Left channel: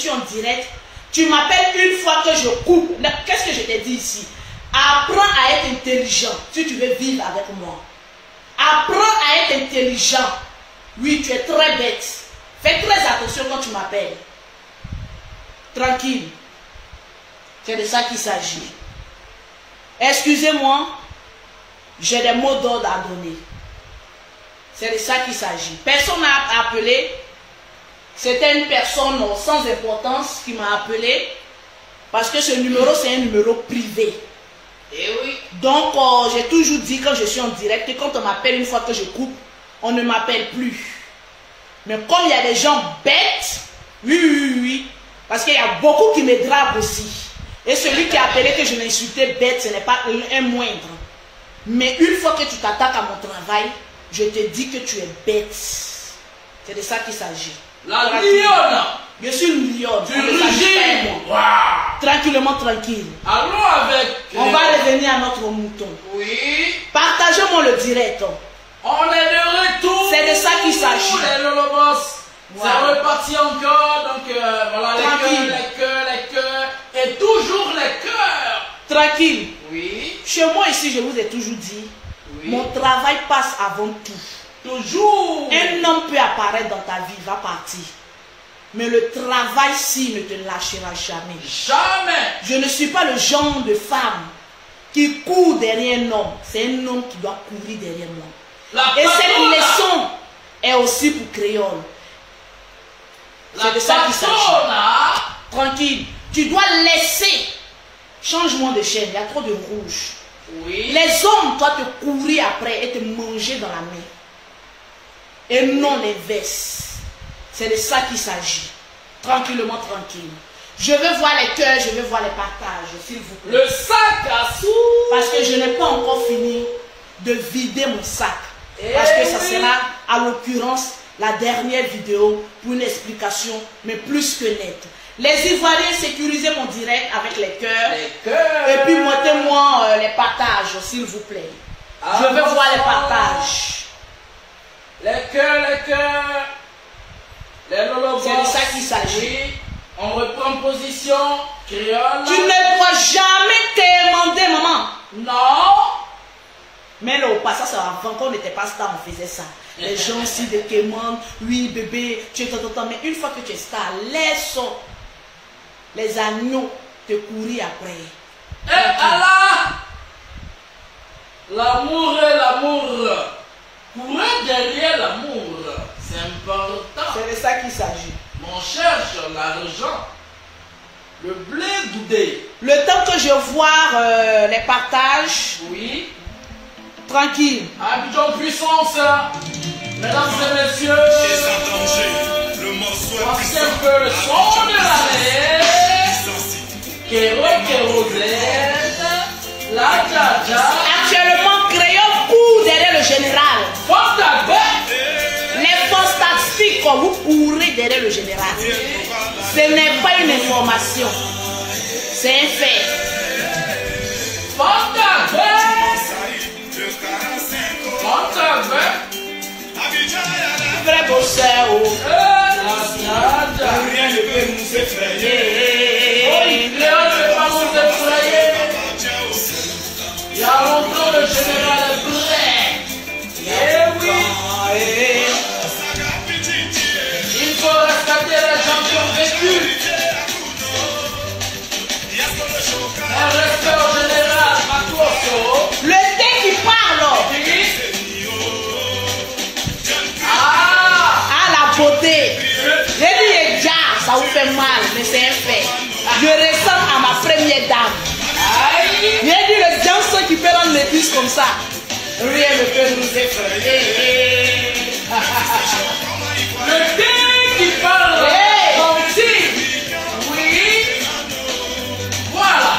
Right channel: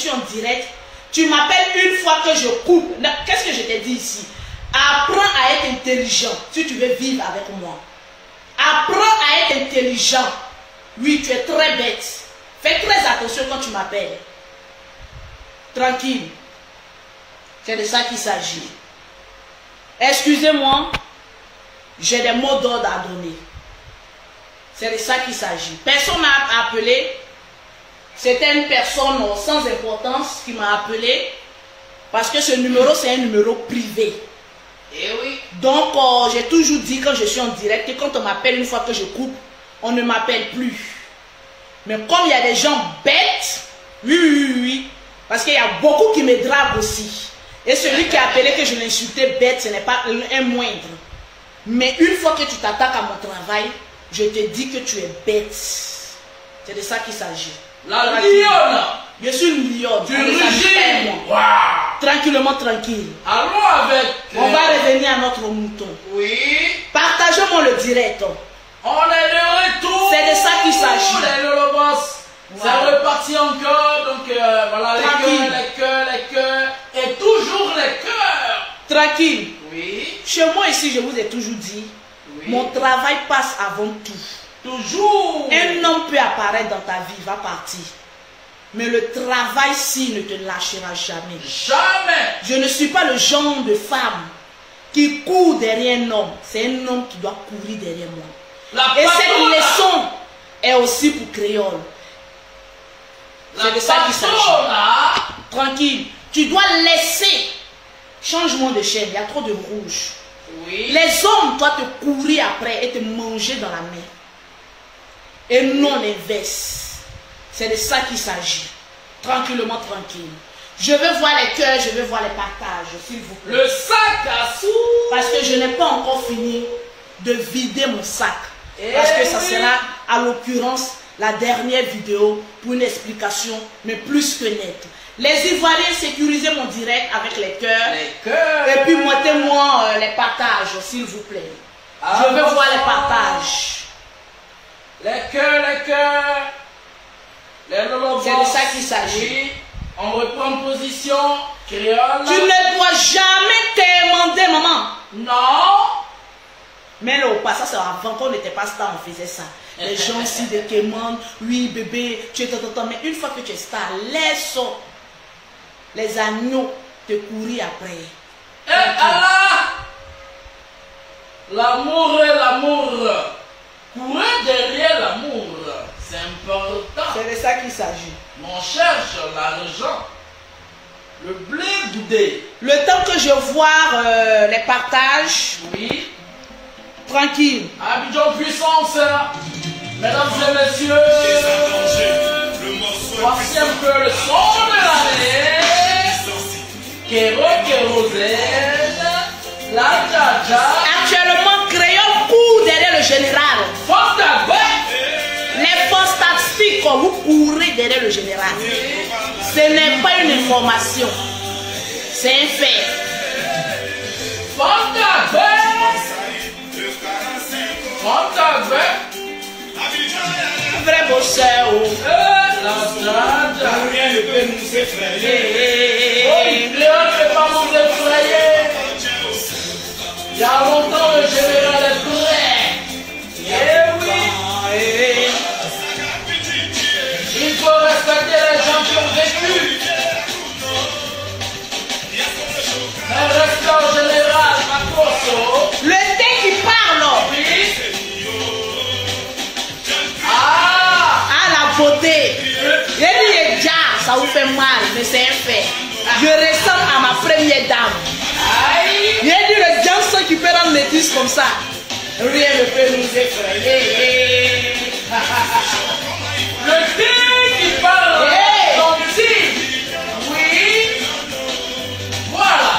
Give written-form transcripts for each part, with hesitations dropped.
suis en direct, tu m'appelles une fois que je coupe. Qu'est-ce que je t'ai dit ici? Apprends à être intelligent si tu veux vivre avec moi. Apprends à être intelligent. Oui, tu es très bête. Fais très attention quand tu m'appelles. Tranquille. C'est de ça qu'il s'agit. Excusez-moi, j'ai des mots d'ordre à donner. C'est de ça qu'il s'agit. Personne n'a appelé. C'était une personne sans importance qui m'a appelé. Parce que ce numéro, c'est un numéro privé. Eh oui. Donc, j'ai toujours dit quand je suis en direct que quand on m'appelle une fois que je coupe, on ne m'appelle plus. Mais comme il y a des gens bêtes, oui. Parce qu'il y a beaucoup qui me drapent aussi. Et celui qui a appelé que je l'ai insulté bête, ce n'est pas un moindre. Mais une fois que tu t'attaques à mon travail, je te dis que tu es bête. C'est de ça qu'il s'agit. La lionne. Je suis une lionne. Tu rugis. Wow. Tranquillement, tranquille. Allons avec. On va revenir à notre mouton. Oui. Partagez-moi le direct. On est de retour. C'est de ça qu'il s'agit. Les Lolobos. C'est reparti encore. Donc voilà, Tranquille. les cœurs. Et toujours les cœurs. Tranquille. Oui. Chez moi ici, je vous ai toujours dit, Oui. mon travail passe avant tout. Toujours. Un homme peut apparaître dans ta vie, va partir. Mais le travail, si, ne te lâchera jamais. Jamais. Je ne suis pas le genre de femme qui court derrière un homme. C'est un homme qui doit courir derrière moi. Et cette leçon est aussi pour créole. C'est de ça qu'il s'agit. Tranquille. Tu dois laisser. Changement de chaîne. Il y a trop de rouge. Oui. Les hommes doivent te courir après et te manger dans la main. Et non l'inverse. C'est de ça qu'il s'agit. Tranquillement, tranquille. Je veux voir les cœurs, je veux voir les partages, s'il vous plaît. Le sac à sous. Parce que je n'ai pas encore fini de vider mon sac. Parce que ça sera, à l'occurrence, la dernière vidéo pour une explication, mais plus que nette. Les Ivoiriens, sécurisez mon direct avec les cœurs. Les cœurs. Et puis, mettez-moi les partages, s'il vous plaît. Je veux voir les partages. Les cœurs. Les Lolobos. C'est de ça qu'il s'agit. On reprend position créole. Tu ne dois jamais t'émander, maman. Non. Mais là, au passage, avant qu'on n'était pas star, on faisait ça. Les gens aussi de quémandent, oui bébé, tu es tonton. Mais une fois que tu es star, laisse les agneaux te courir après. Et Allah, l'amour est l'amour. Courir derrière l'amour, c'est important. C'est de ça qu'il s'agit. On cherche l'argent, le blé boudé. Le temps que je vois les partages, Oui. tranquille. Abidjan puissance, mesdames et messieurs. Voici un peu le son de l'année. Kérosène, la Djaja. Actuellement, Crayon court derrière le général. Les fantastiques, vous courez derrière le général. Ce n'est pas une information. C'est un fait. Vrai bosseur. Rien ne peut nous effrayer. Léon ne peut pas nous effrayer. Il y a longtemps le général est prêt. Eh oui. Il faut respecter les gens qui ont vécu. Un respect au général Makoso. Le thé qui parle. Oui. La beauté. Et lui est déjà, ça vous fait mal, mais c'est un fait. Je ressemble à ma première dame. J'ai dit le danseur qui peut rendre les fils comme ça. Rien ne peut nous effrayer. Le thé qui parle. Gentil. Oui. Voilà.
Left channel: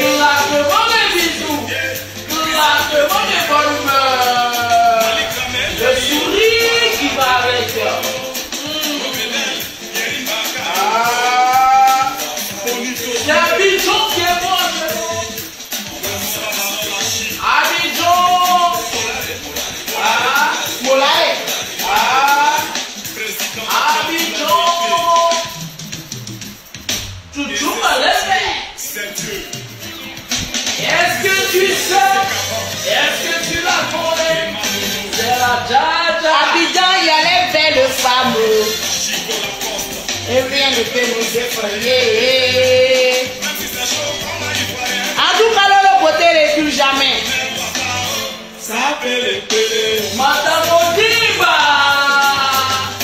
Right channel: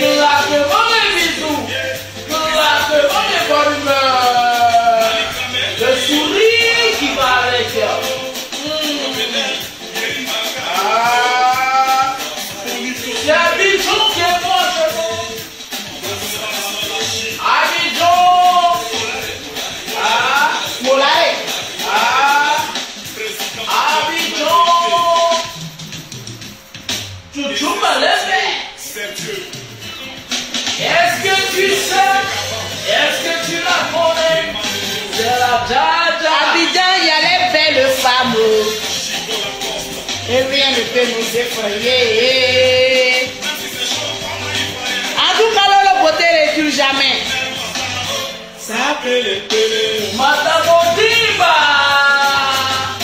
Claquement des bisous. Claquement des bonnes humeurs. Le sourire qui va avec. C'est Abidjan qui est bon, Abidjan. Molare. Abidjan. Chouchou Malembé. Est-ce que tu sais? Est-ce que tu la connais? C'est la Dja. Abidjan, il y a les belles femmes. Et rien ne peut nous effrayer. En tout cas, le beauté ne tue jamais. Ça peut le tue. Madame Odiba.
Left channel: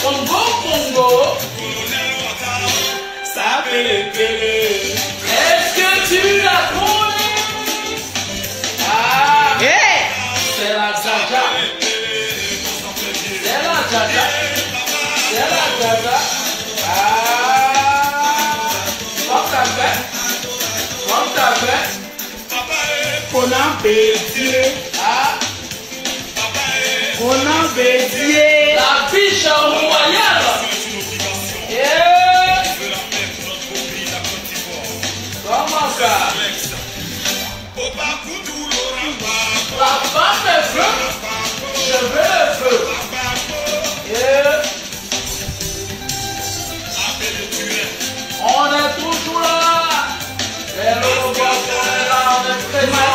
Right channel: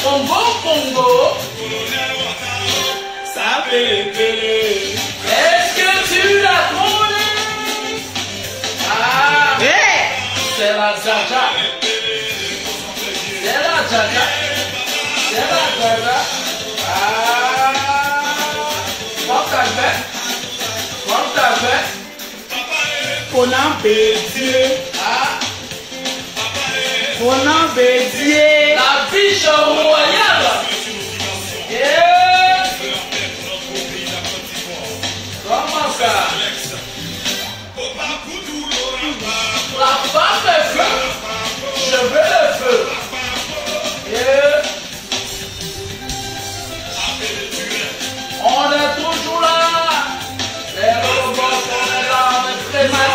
Congo, Congo. Ça peut le tue. Est-ce que tu la connais? Ah, Hey! c'est la Dja. C'est la Dja. C'est la Dja. Ah, On a bédié. Ah, On a bédié. la biche royale. Comment ça? La femme est feu. Je veux le feu. On est toujours là. Les robots, on est là, on est présents.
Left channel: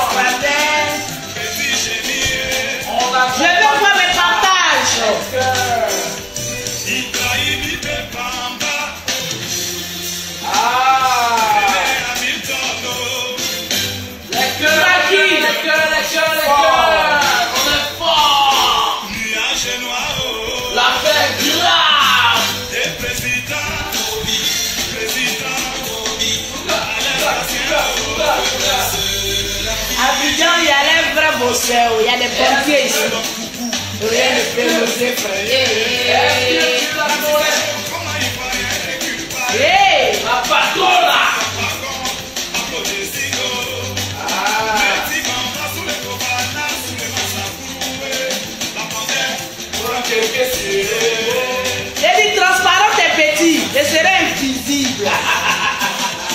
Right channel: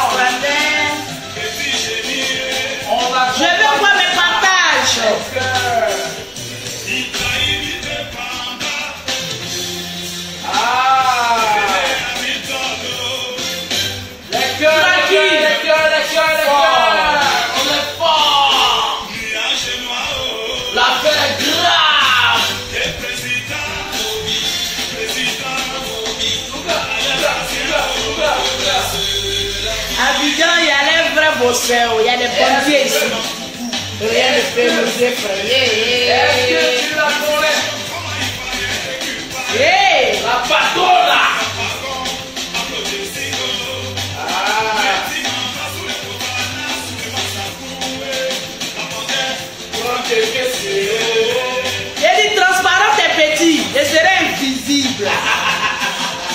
On a Je veux voir mes partages. Les cœurs, on est fort. La paix est grave. Abidjan, il y a les vrais bosseurs, il y a les pompiers ici. Rien ne peut nous effrayer. Est-ce que tu la connais? Hey! La patronne. J'ai dit transparent et petit, je serai invisible.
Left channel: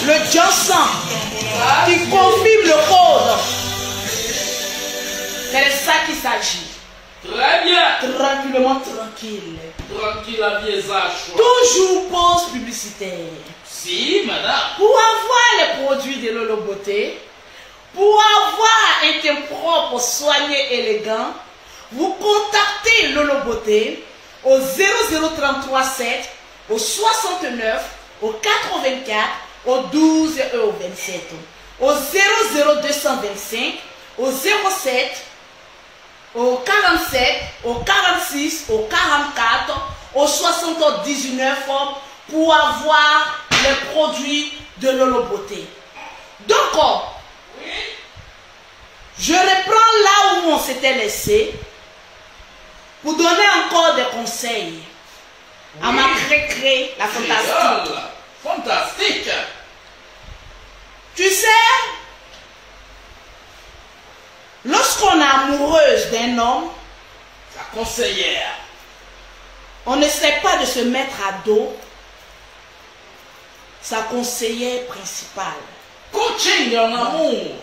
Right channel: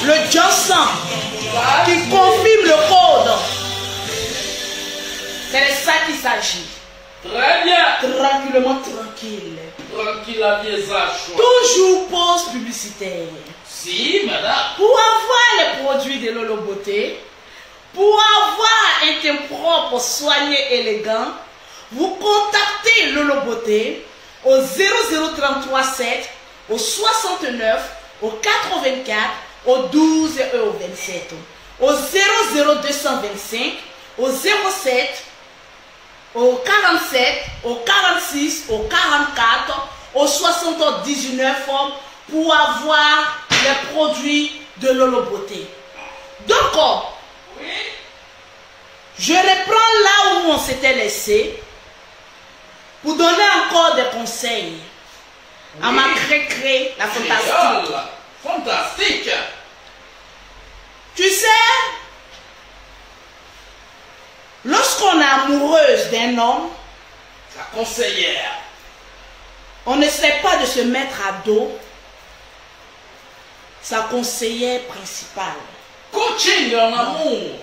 Le Johnson qui confirme le code. C'est de ça qu'il s'agit. Très bien. Tranquillement, tranquille. Tranquille, la vieille Zacho. Toujours pause publicitaire. Si, madame. Pour avoir les produits de Lolo Beauté, pour avoir un teint propre, soigné, élégant, vous contactez Lolo Beauté au 00337, au 69, au 84, au 12 et au 27, au 00225, au 07, au 47, au 46, au 44, au 79 pour avoir les produits de Lolo Beauté. Donc, je reprends là où on s'était laissé pour donner encore des conseils à ma cré-cré, la fantastique. Fantastique. Tu sais, lorsqu'on est amoureuse d'un homme, La conseillère. on ne sait pas de se mettre à dos sa conseillère principale. Coaching en amour.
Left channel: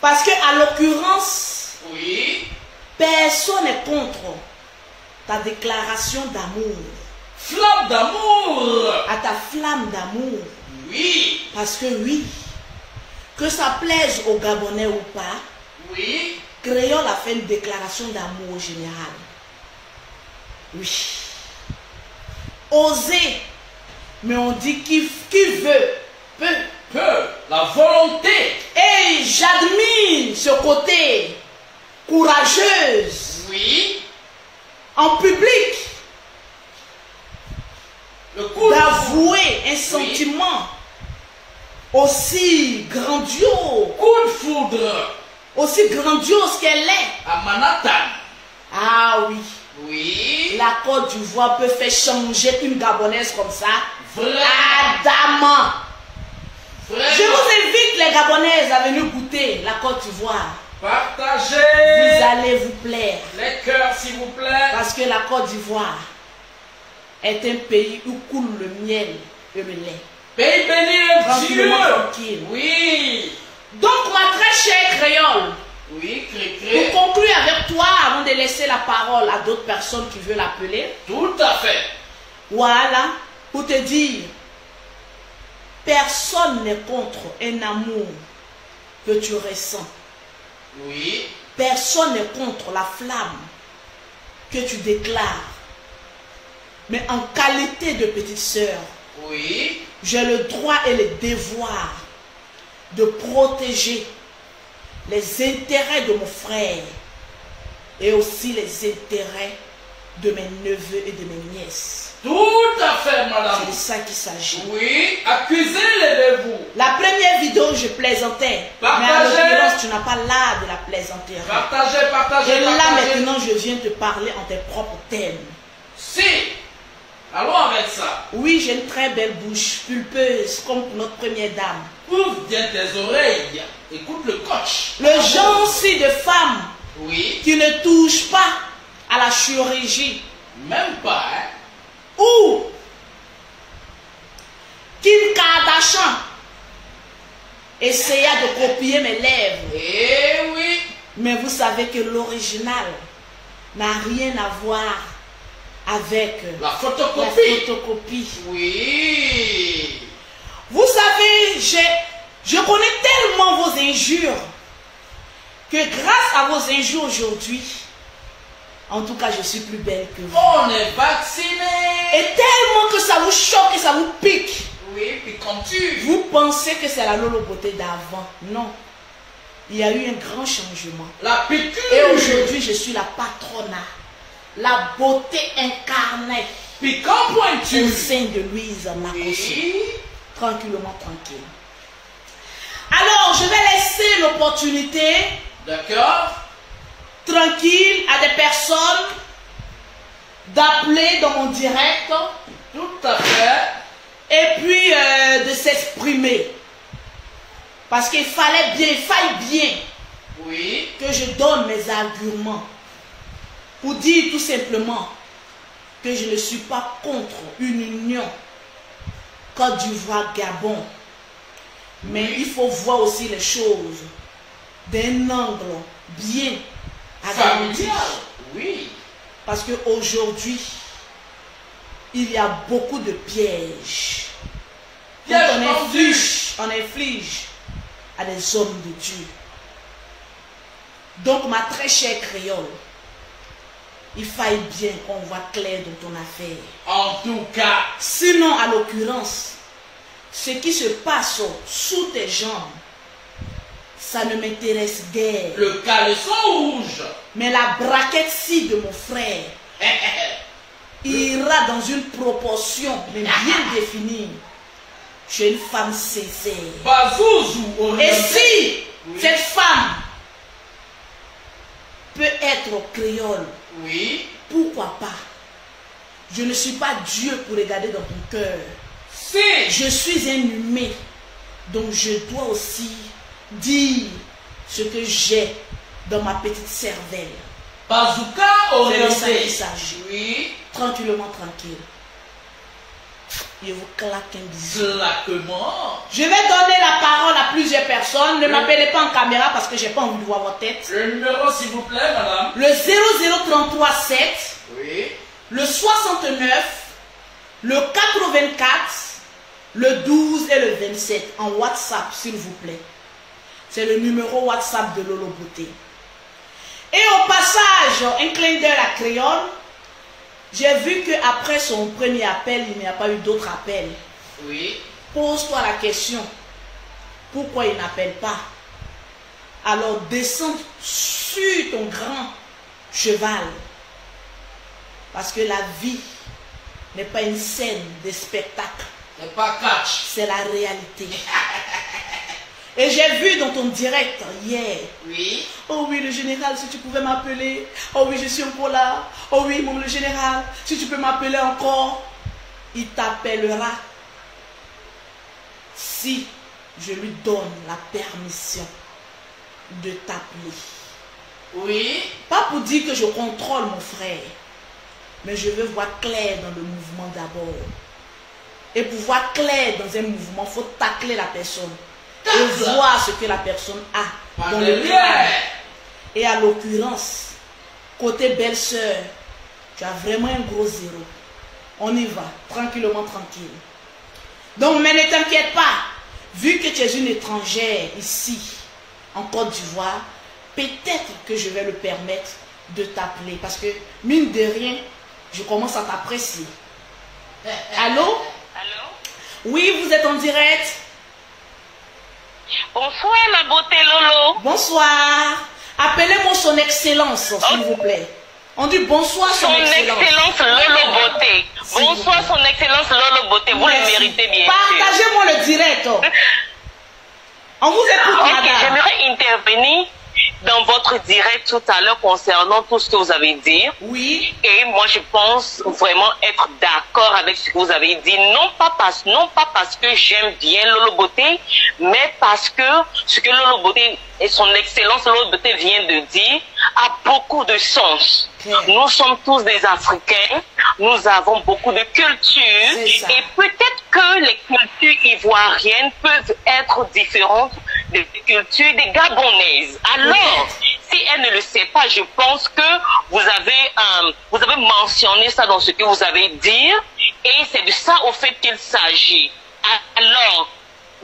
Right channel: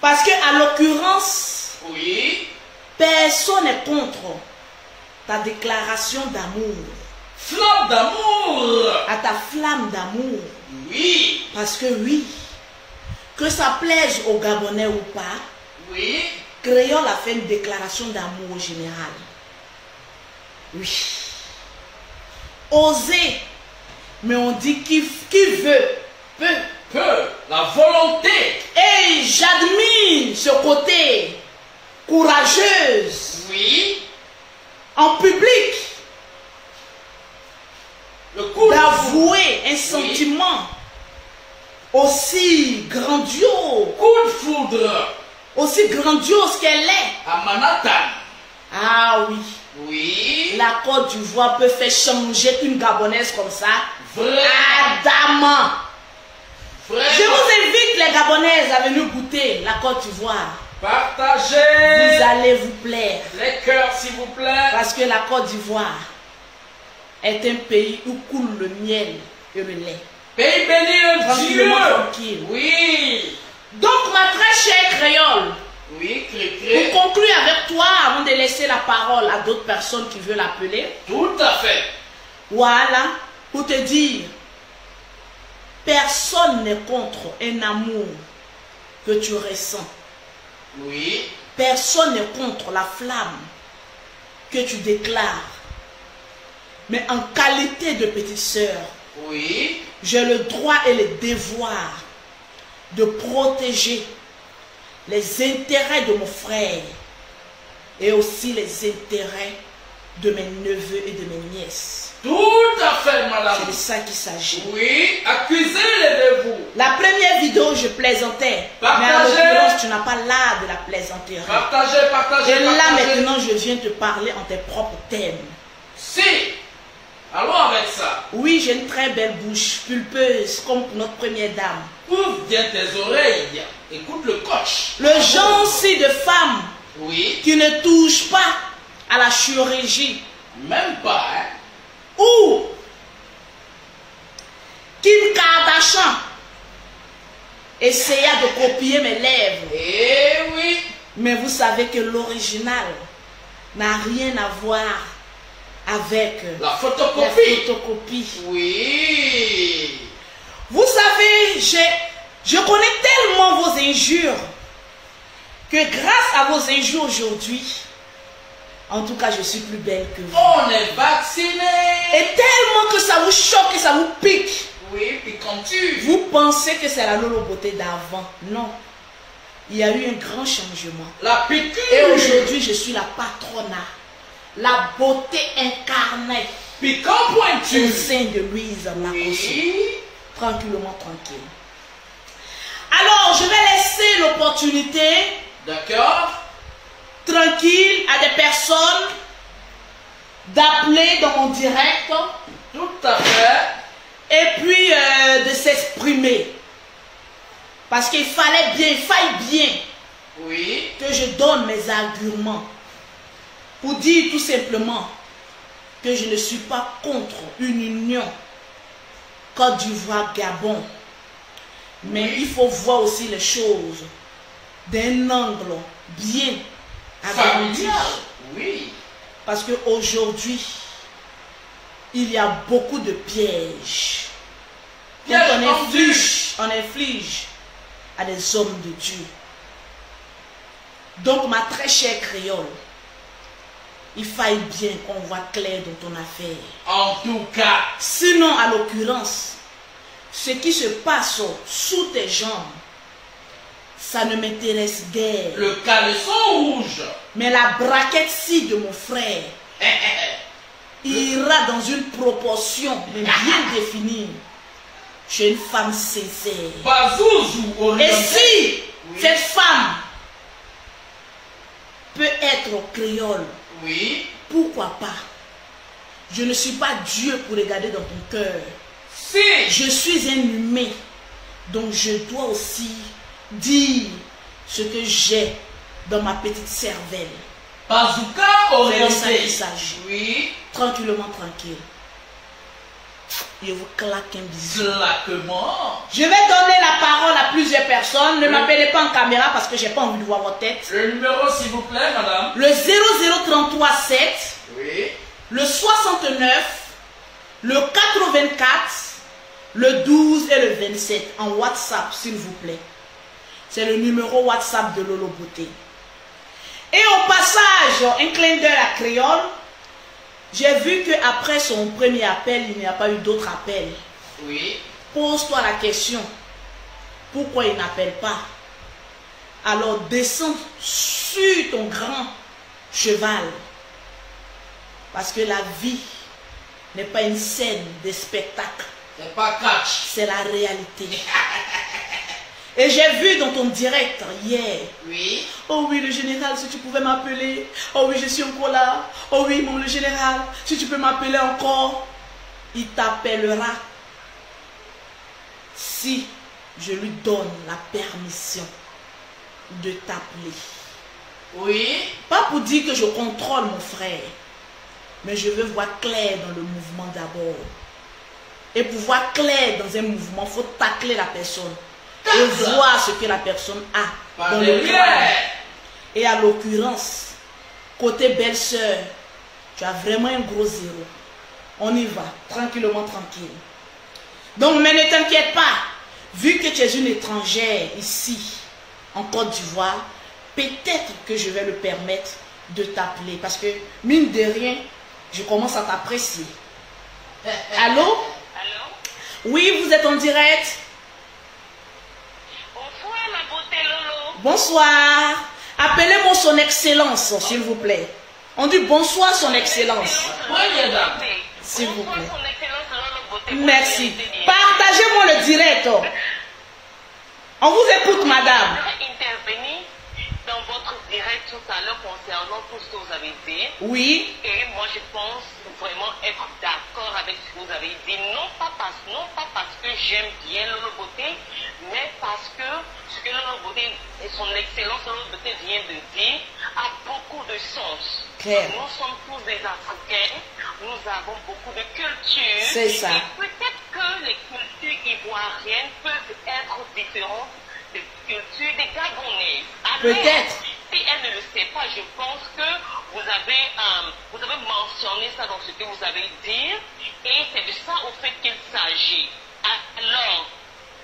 Parce qu'à l'occurrence, Oui. personne n'est contre ta déclaration d'amour, Flamme d'amour. à ta flamme d'amour. Oui. Parce que oui, que ça plaise aux Gabonais ou pas, Oui. créons la fin de déclaration d'amour général. Oui. Oser. Mais on dit qui veut, peut. Peu. La volonté. Et j'admire ce côté courageuse Oui. en public Le coup d'avouer un sentiment aussi grandiose, aussi grandiose qu'elle est. à Manhattan. Ah oui. Oui. La Côte d'Ivoire peut faire changer une Gabonaise comme ça. Vraiment. Adamant. Vraiment. Je vous invite les Gabonaises à venir goûter la Côte d'Ivoire. Partagez Vous allez vous plaire. les cœurs, s'il vous plaît. Parce que la Côte d'Ivoire est un pays où coule le miel et le lait. Pays béni et Tranquillement, Dieu. tranquille. Oui. Donc, ma très chère créole, Oui, pour Cré-Cré. conclure avec toi, avant de laisser la parole à d'autres personnes qui veulent l'appeler, Tout à fait. Voilà, pour te dire, personne n'est contre un amour que tu ressens. Oui. Personne n'est contre la flamme que tu déclares. Mais en qualité de petite sœur, Oui. j'ai le droit et le devoir de protéger les intérêts de mon frère et aussi les intérêts de mes neveux et de mes nièces. Tout à fait, madame. C'est de ça qu'il s'agit. Oui, accusez-les de vous. La première vidéo, je plaisantais. Partagez. Mais en l'occurrence, tu n'as pas l'art de la plaisanterie. Partagez, partagez, Et là, partagez. maintenant, je viens te parler en tes propres termes. Si. Allons avec ça. Oui, j'ai une très belle bouche, pulpeuse, comme notre première dame. Ouvre bien tes oreilles. Écoute le coach. Le genre aussi de femme Oui. qui ne touche pas à la chirurgie. Même pas, hein. Ou Kim Kardashian essaya de copier mes lèvres. Eh oui. Mais vous savez que l'original n'a rien à voir avec La la photocopie. photocopie. Oui. Vous savez, je connais tellement vos injures que grâce à vos injures aujourd'hui, en tout cas, je suis plus belle que vous. On est vacciné. Et tellement que ça vous choque et ça vous pique. Oui, puis quand tu... Vous pensez que c'est la Lolo Beauté d'avant. Non. Il y a eu un grand changement. La piqûre. Et aujourd'hui, je suis la patrona. La beauté incarnée Piquant au pointu. sein de Louise Makoso. Oui. Tranquillement, tranquille. Alors, je vais laisser l'opportunité D'accord. tranquille à des personnes d'appeler dans mon direct Tout à fait. et puis de s'exprimer. Parce qu'il faille bien Oui. que je donne mes arguments pour dire tout simplement que je ne suis pas contre une union Côte d'Ivoire-Gabon. Mais Oui. il faut voir aussi les choses d'un angle bien agrandi. Familial. Oui. Parce qu'aujourd'hui, il y a beaucoup de pièges. Donc on inflige à des hommes de Dieu. Donc ma très chère créole, il faille bien qu'on voit clair dans ton affaire. En tout cas. Sinon, à l'occurrence, ce qui se passe sous tes jambes, ça ne m'intéresse guère. Le caleçon rouge. Mais la braquette-ci de mon frère ira dans une proportion mais bien définie chez une femme sincère. Bazouzou Et oriental. si Oui. cette femme peut être créole, Oui. pourquoi pas? Je ne suis pas Dieu pour regarder dans ton cœur. Si. Je suis un humain, donc je dois aussi dire ce que j'ai dans ma petite cervelle. Bazooka C'est de ça qu'il orienté. s'agit. Oui. Tranquillement, tranquille. Je vous claque un bisou. Claquement. Je vais donner la parole à plusieurs personnes. Ne m'appelez pas en caméra parce que j'ai pas envie de voir votre tête. Le numéro, s'il vous plaît, madame. Le 00337, Oui. le 69, le 84, le 12 et le 27 en WhatsApp, s'il vous plaît. C'est le numéro WhatsApp de Lolo Beauté. Et au passage, un clin d'œil à Créole. J'ai vu qu'après son premier appel, il n'y a pas eu d'autres appels. Oui. Pose-toi la question. Pourquoi il n'appelle pas? Alors descends sur ton grand cheval. Parce que la vie n'est pas une scène de spectacle. C'est pas catch. C'est la réalité. Et j'ai vu dans ton direct hier. Oui. Oh oui, le général, si tu pouvais m'appeler. Oh oui, je suis encore là. Oh oui, mon le général, si tu peux m'appeler encore. Il t'appellera si je lui donne la permission de t'appeler. Oui. Pas pour dire que je contrôle mon frère, mais je veux voir clair dans le mouvement d'abord. Et pour voir clair dans un mouvement, il faut tacler la personne. Et voir ce que la personne a dans le crâne. Et à l'occurrence, côté belle-sœur, tu as vraiment un gros zéro. On y va, tranquillement, tranquille. Donc, mais ne t'inquiète pas, vu que tu es une étrangère ici, en Côte d'Ivoire, peut-être que je vais le permettre de t'appeler. Parce que, mine de rien, je commence à t'apprécier. Allô? Allô? Oui, vous êtes en direct. Bonsoir, ma beauté Lolo. Bonsoir. Appelez-moi son excellence, s'il vous plaît. On dit bonsoir, son excellence. Excellence Lolo Beauté. Bonsoir, son excellence Lolo Beauté. Vous le méritez bien. Partagez-moi le direct. On vous écoute, madame. J'aimerais intervenir dans votre direct tout à l'heure concernant tout ce que vous avez dit. Oui. Et moi, je pense vraiment être d'accord avec ce que vous avez dit. Non pas parce que j'aime bien Lolo Beauté, mais parce que ce que Lolo Beauté et son excellence Lolo Beauté vient de dire a beaucoup de sens. Okay. Nous sommes tous des Africains. Nous avons beaucoup de cultures. Et peut-être que les cultures ivoiriennes peuvent être différentes des cultures des Gabonaises. Alors, si elle ne le sait pas, je pense que vous avez mentionné ça dans ce que vous avez dit, et c'est de ça au fait qu'il s'agit. Alors,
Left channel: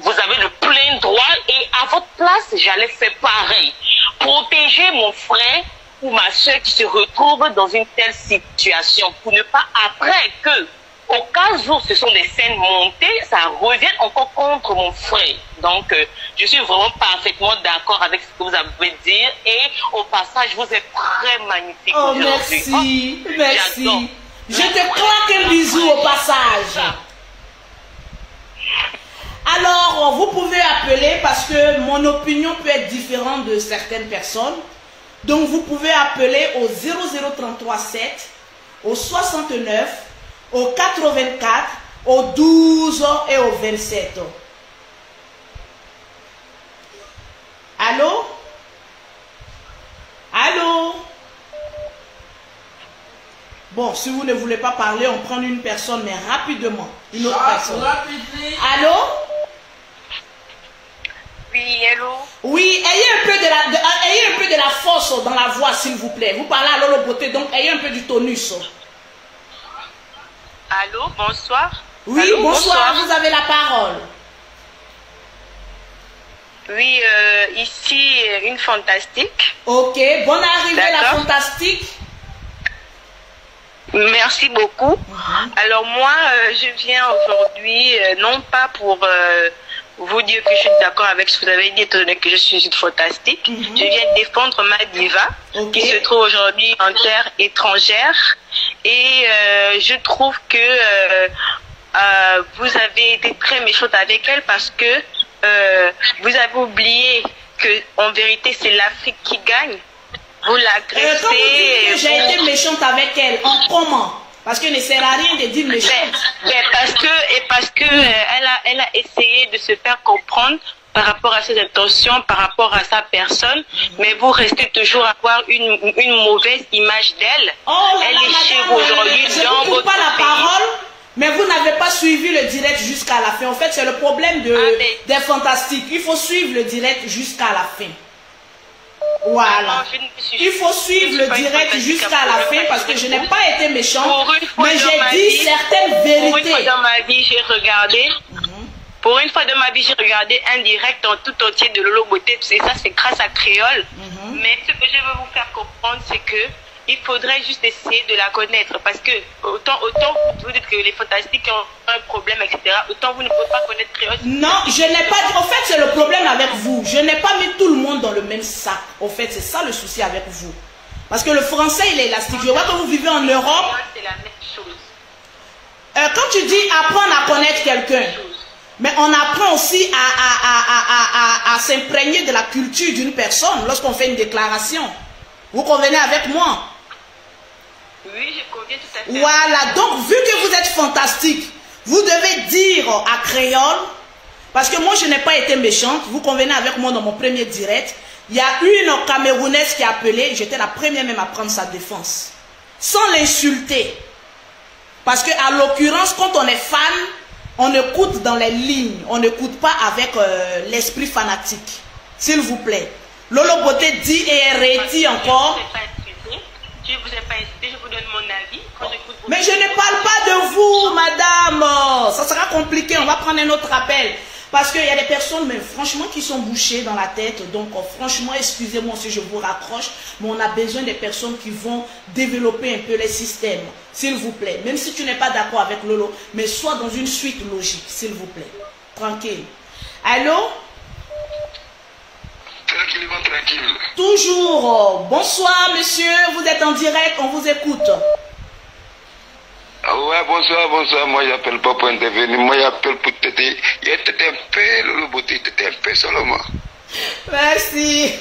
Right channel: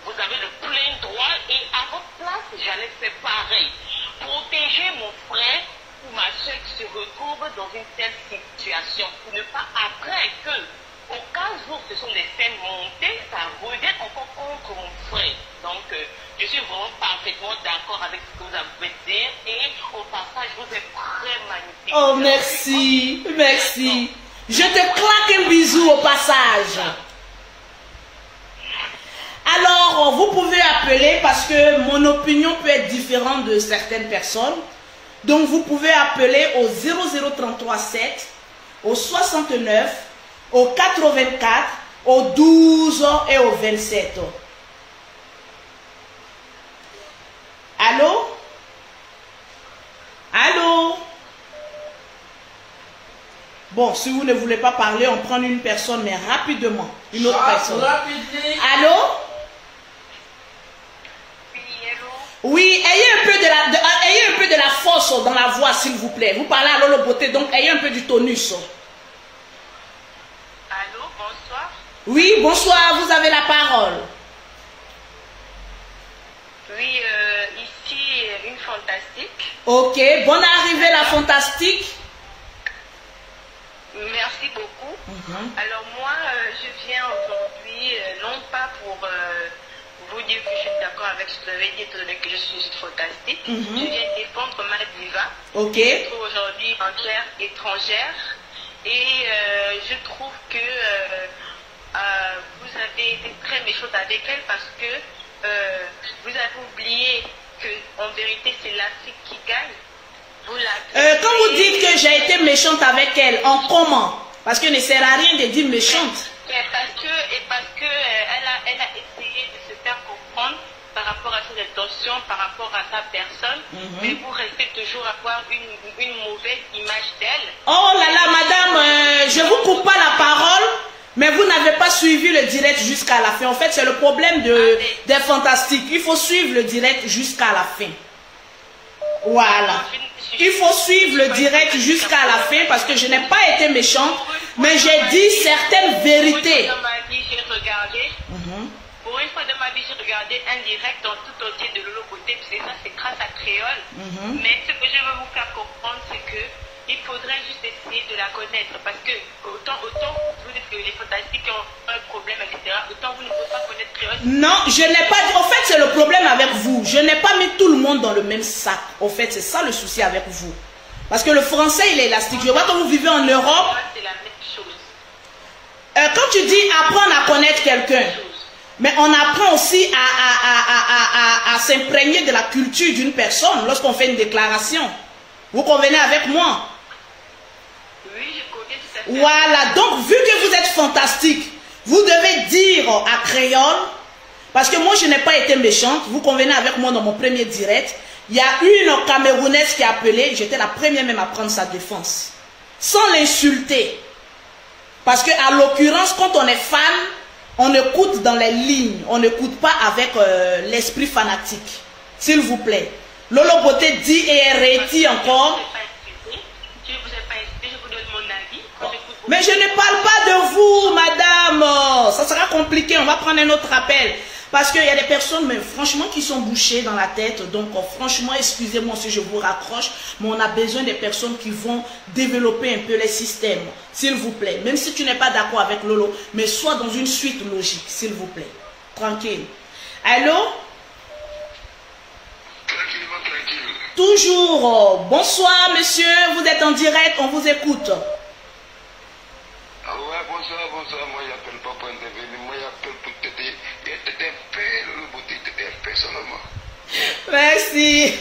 vous avez le plein droit, et à votre place, j'allais faire pareil. Protéger mon frère ou ma soeur qui se retrouve dans une telle situation, pour ne pas après que, au cas où ce sont des scènes montées, ça revient encore contre mon frère. Donc, je suis vraiment parfaitement d'accord avec ce que vous avez dit. Et au passage, vous êtes très magnifique. Oh, merci. Merci. Je te claque un bisou au passage. Alors, vous pouvez appeler parce que mon opinion peut être différente de certaines personnes. Donc, vous pouvez appeler au 00337, au 69, au 84, au 12 et au 27. Allô? Allô? Bon, si vous ne voulez pas parler, on prend une personne, mais rapidement. Une autre personne. Allô? Oui, allô? Oui, ayez un peu de la force dans la voix, s'il vous plaît. Vous parlez à Lolo Beauté, donc ayez un peu du tonus. Allô, bonsoir. Oui, allô, bonsoir, vous avez la parole. Oui, ici, une fantastique. Ok, bonne arrivée la fantastique. Merci beaucoup. Alors moi, je viens aujourd'hui, non pas pour vous dire que je suis d'accord avec ce que vous avez dit, étant donné que je suis une fantastique. Je viens défendre ma diva, qui se trouve aujourd'hui en terre étrangère. Et je trouve que vous avez été très méchante avec elle parce que vous avez oublié que en vérité c'est l'Afrique qui gagne. Vous l'agressez. Quand vous dites que j'ai été méchante avec elle, en comment? Parce que ne sert à rien de dire méchante. Parce que elle a essayé de se faire comprendre par rapport à ses intentions, par rapport à sa personne, mais vous restez toujours à avoir une mauvaise image d'elle. Oh là là, madame, je ne vous coupe pas la parole, mais vous n'avez pas suivi le direct jusqu'à la fin. En fait, c'est le problème des fantastiques. Il faut suivre le direct jusqu'à la fin. Voilà. Il faut suivre le direct jusqu'à la fin parce que je n'ai pas été méchante, mais j'ai dit certaines vérités. Pour une fois dans ma vie, j'ai regardé. Pour une fois de ma vie, j'ai regardé un direct en tout entier de Lolo Beauté. Et ça, c'est grâce à Créole. Mais ce que je veux vous faire comprendre, c'est que il faudrait juste essayer de la connaître. Parce que autant vous dites que les fantastiques ont un problème, etc., autant vous ne pouvez pas connaître Créole. Non, je n'ai pas dit. En fait, c'est le problème avec vous. Je n'ai pas mis tout le monde dans le même sac. En fait, c'est ça le souci avec vous. Parce que le français, il est élastique. Je vois que vous vivez en Europe. C'est la même chose. Quand tu dis apprendre à connaître quelqu'un, mais on apprend aussi à s'imprégner de la culture d'une personne lorsqu'on fait une déclaration. Vous convenez avec moi? Oui, je conviens tout à fait. Voilà, donc vu que vous êtes fantastique, vous devez dire à Créole, parce que moi je n'ai pas été méchante, vous convenez avec moi dans mon premier direct, il y a une Camerounaise qui a appelé, j'étais la première même à prendre sa défense, sans l'insulter. Parce que à l'occurrence, quand on est fan, on écoute dans les lignes, on n'écoute pas avec l'esprit fanatique. S'il vous plaît. Lolo Beauté dit et réitère encore. Je ne vous ai pas insulté, je vous donne mon avis. Mais je ne parle pas de vous, madame. Ça sera compliqué. On va prendre un autre appel. Parce qu'il y a des personnes, mais franchement, qui sont bouchées dans la tête. Donc, franchement, excusez-moi si je vous raccroche, mais on a besoin des personnes qui vont développer un peu les systèmes, s'il vous plaît. Même si tu n'es pas d'accord avec Lolo, mais sois dans une suite logique, s'il vous plaît. Tranquille. Allô? Tranquillement, tranquille. Toujours. Bonsoir, monsieur. Vous êtes en direct, on vous écoute. Ah ouais, bonsoir, bonsoir. Moi, j'appelle pas pour intervenir. Moi, j'appelle pour t'aider. Il était un peu, le beauté, t'étais un peu seulement. Merci.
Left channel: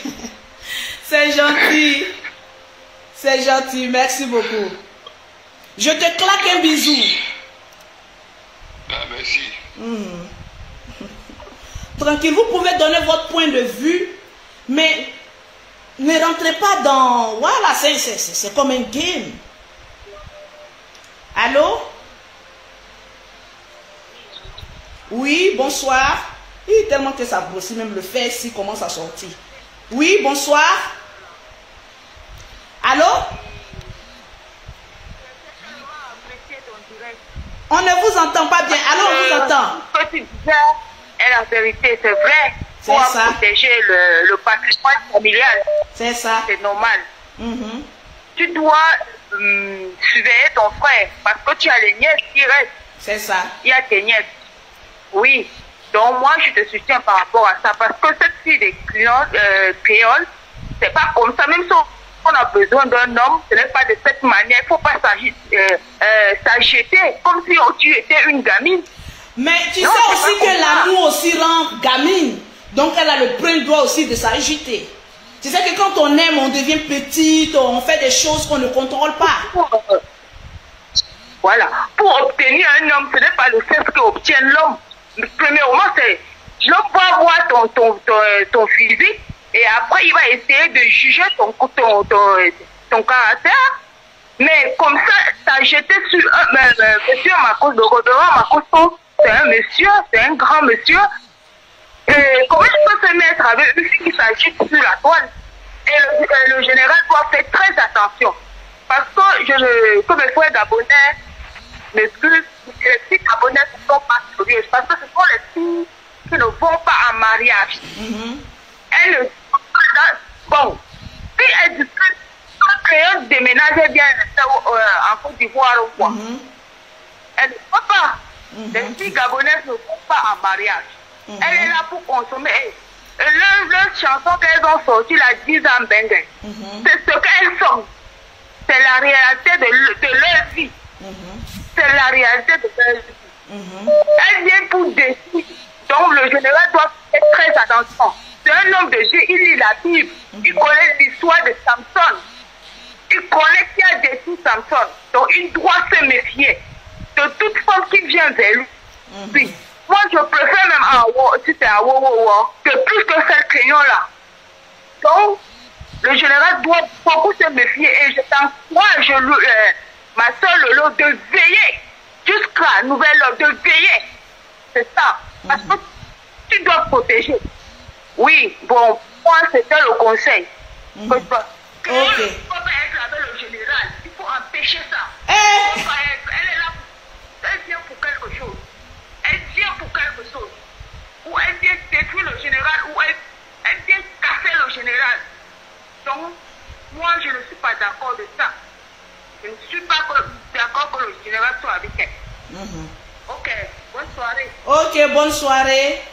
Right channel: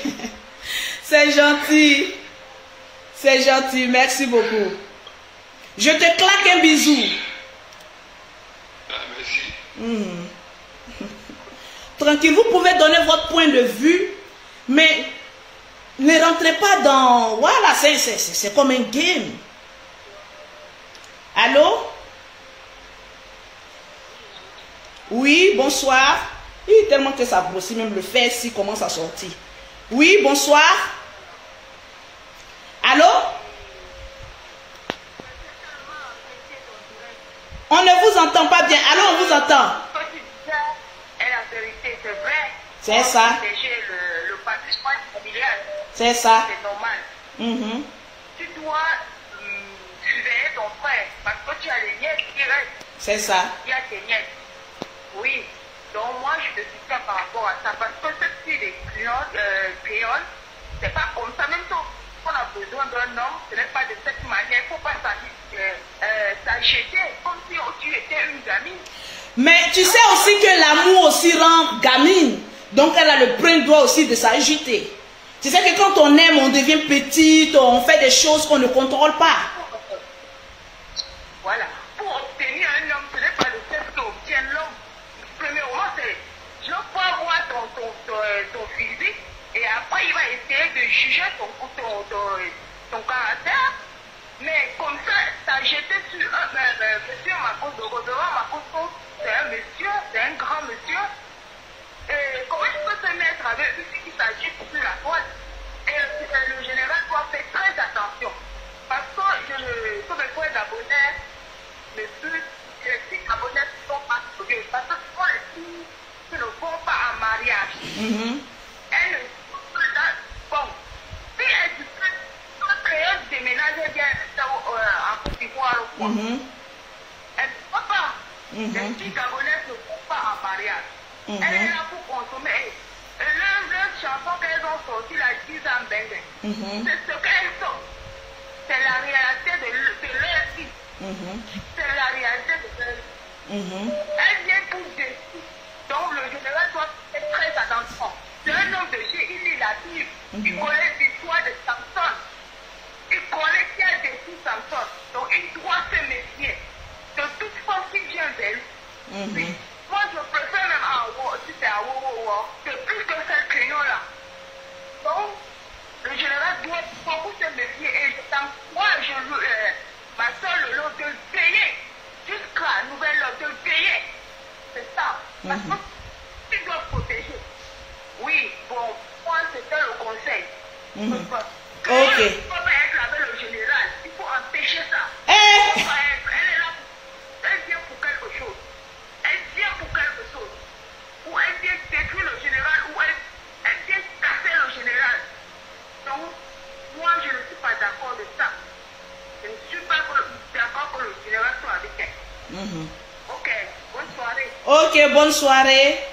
C'est gentil. C'est gentil. Merci beaucoup. Je te claque un bisou. Ah, merci. Tranquille, vous pouvez donner votre point de vue, mais ne rentrez pas dans... Voilà, c'est comme un game. Allô? Oui, bonsoir. Tellement que ça grossit, même le fer ici commence à sortir. Oui, bonsoir. Allô? On ne vous entend pas bien. Allô, on vous entend. Ce que tu disais est la vérité, c'est vrai. C'est ça. Protéger le patrimoine familial. C'est ça. C'est normal. Tu dois surveiller ton frère parce que tu as les nièces qui restent. C'est ça. Il y a tes nièces. Oui. Donc moi, je te soutiens par rapport à ça parce que cette fille des créoles, c'est pas comme ça. Même si on a besoin d'un homme, ce n'est pas de cette manière. Il ne faut pas s'agiter comme si tu étais une gamine. Mais tu sais aussi que l'amour aussi rend gamine. Donc elle a le plein droit aussi de s'agiter. Tu sais que quand on aime, on devient petite, on fait des choses qu'on ne contrôle pas. Voilà. Pour obtenir un homme, ce n'est pas le fait qu'obtient l'homme. Premièrement, c'est l'homme va voir ton physique et après il va essayer de juger ton caractère. Mais comme ça, s'agiter sur monsieur Marcos de Rodoran, Marcos, c'est un monsieur, c'est un grand monsieur. Et comment il peut se mettre avec une fille qui s'agite sur la toile? Et le général doit faire très attention. Parce que comme mes frères gabonais m'excusent, les filles gabonaises ne sont pas sérieuses. Parce que ce sont les filles qui ne vont pas en mariage. Elles ne sont pas... Bon, si elles discutent, quand déménageait bien en Côte d'Ivoire ou quoi, elles ne vont pas. Les filles gabonaises ne vont pas en mariage. Elle est là pour consommer. Leur chanson qu'elles ont sortie, la 10 ans bengue, c'est ce qu'elles sont. C'est la réalité de leur vie. C'est la réalité de leur vie. Elles viennent pour décider. Donc le général doit faire très attention. C'est un homme de Dieu, il lit la Bible. Il connaît l'histoire de Samson. Il connaît qui a détruit Samson. Donc il doit se méfier de toute femme qui vient vers lui. Oui. Moi, je préfère même si c'est à que plus que cette crayon-là. Donc, le général doit beaucoup se méfier et je t'encourage, ma soeur Lolo, de veiller jusqu'à nouvelle ordre, de veiller. C'est ça. Parce que tu dois protéger. Oui, bon, moi, c'était le conseil. Ok. Il faut pas être avec le général. Il faut empêcher ça. Elle est là, elle vient pour quelque chose. Elle vient pour quelque chose. Ou elle vient détruire le général, ou elle vient casser le général. Donc, moi, je ne suis pas d'accord de ça. Je ne suis pas d'accord que le général soit avec elle. Ok, bonne soirée. Ok, bonne soirée.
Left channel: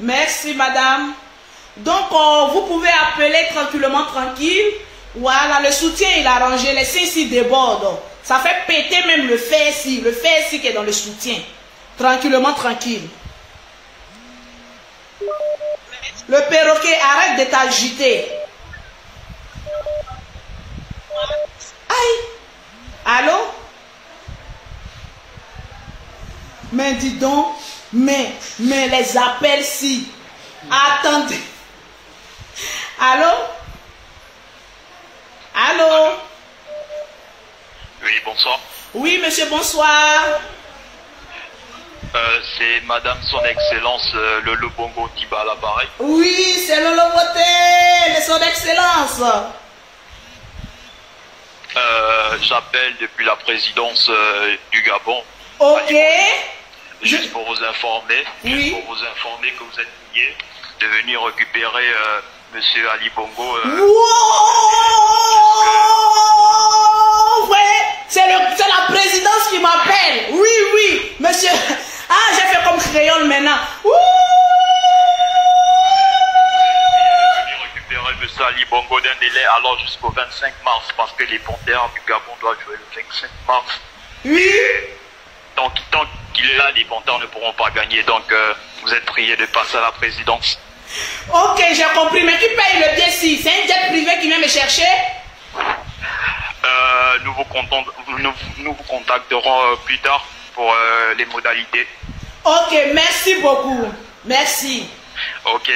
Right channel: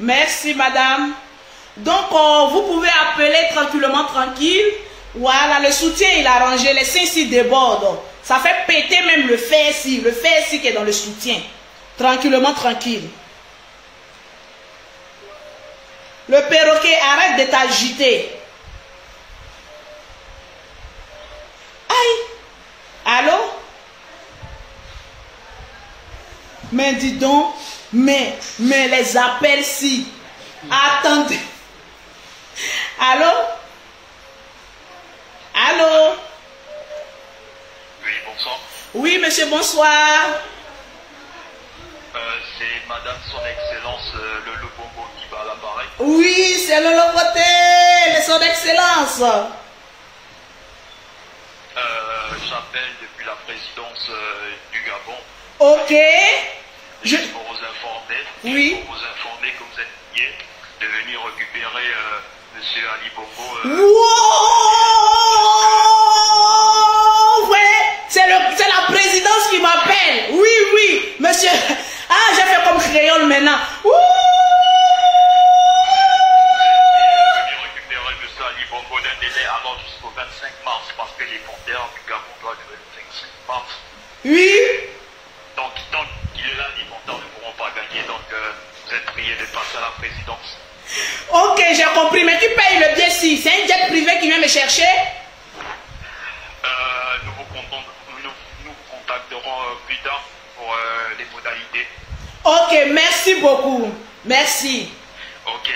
Merci, madame. Donc, vous pouvez appeler tranquillement, tranquille. Voilà, le soutien, il a rangé. Les seins ici débordent. Ça fait péter même le fer ici. Le fer ici qui est dans le soutien. Tranquillement, tranquille. Le perroquet, arrête de t'agiter. Aïe. Allô? Mais dis donc, mais les appels si. Attendez. Allô? Allô? Oui, bonsoir. Oui, monsieur, bonsoir. C'est Madame Son Excellence le Bongo qui bat à l'appareil. Oui, c'est Lolo Beauté, Son Excellence. j'appelle depuis la présidence du Gabon. Ok. Juste pour vous informer. Oui. Pour vous informer que vous êtes prié de venir récupérer Monsieur Ali Bongo. Wow! Ouais, c'est la présidence qui m'appelle. Oui, oui, monsieur. Ah, j'ai fait comme créole maintenant. Monsieur Ali Bongo d'un délai alors jusqu'au 25 mars parce que les Panthères du Gabon doivent jouer le 25 mars. Oui. Donc, tant qu'il est là, les Panthères ne pourront pas gagner. Donc, vous êtes priés de passer à la présidence. Ok, j'ai compris. Mais qui paye le billet si? C'est un jet privé qui vient me chercher? Nous vous contacterons plus tard pour les modalités. Ok, merci beaucoup. Merci. Ok.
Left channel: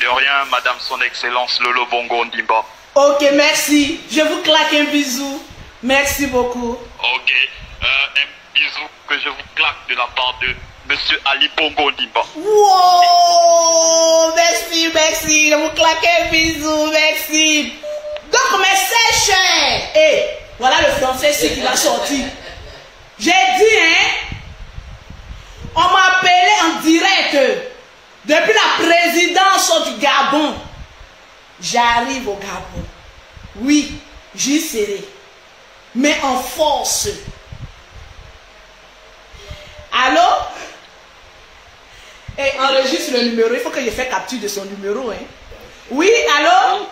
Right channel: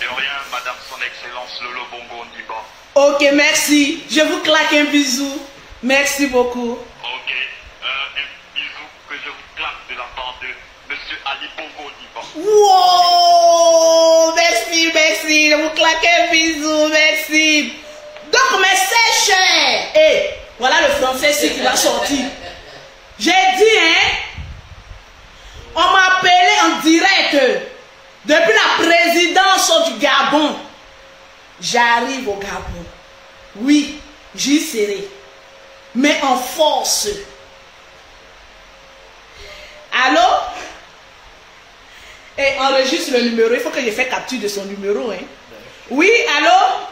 De rien, Madame Son Excellence Lolo Bongo Ndimba. Ok, merci. Je vous claque un bisou. Merci beaucoup. Ok. Un bisou que je vous claque de la part de Monsieur Ali Bongo Ndimba. Wow! Merci, merci. Je vous claque un bisou. Merci. Donc, mes sèches. Et voilà le français ici qui va sortir. J'ai dit, hein? On m'a appelé en direct. Depuis la présidence du Gabon, j'arrive au Gabon. Oui, j'y serai. Mais en force. Allô? Et enregistre le numéro. Il faut que je fasse capture de son numéro. Hein? Oui, allô?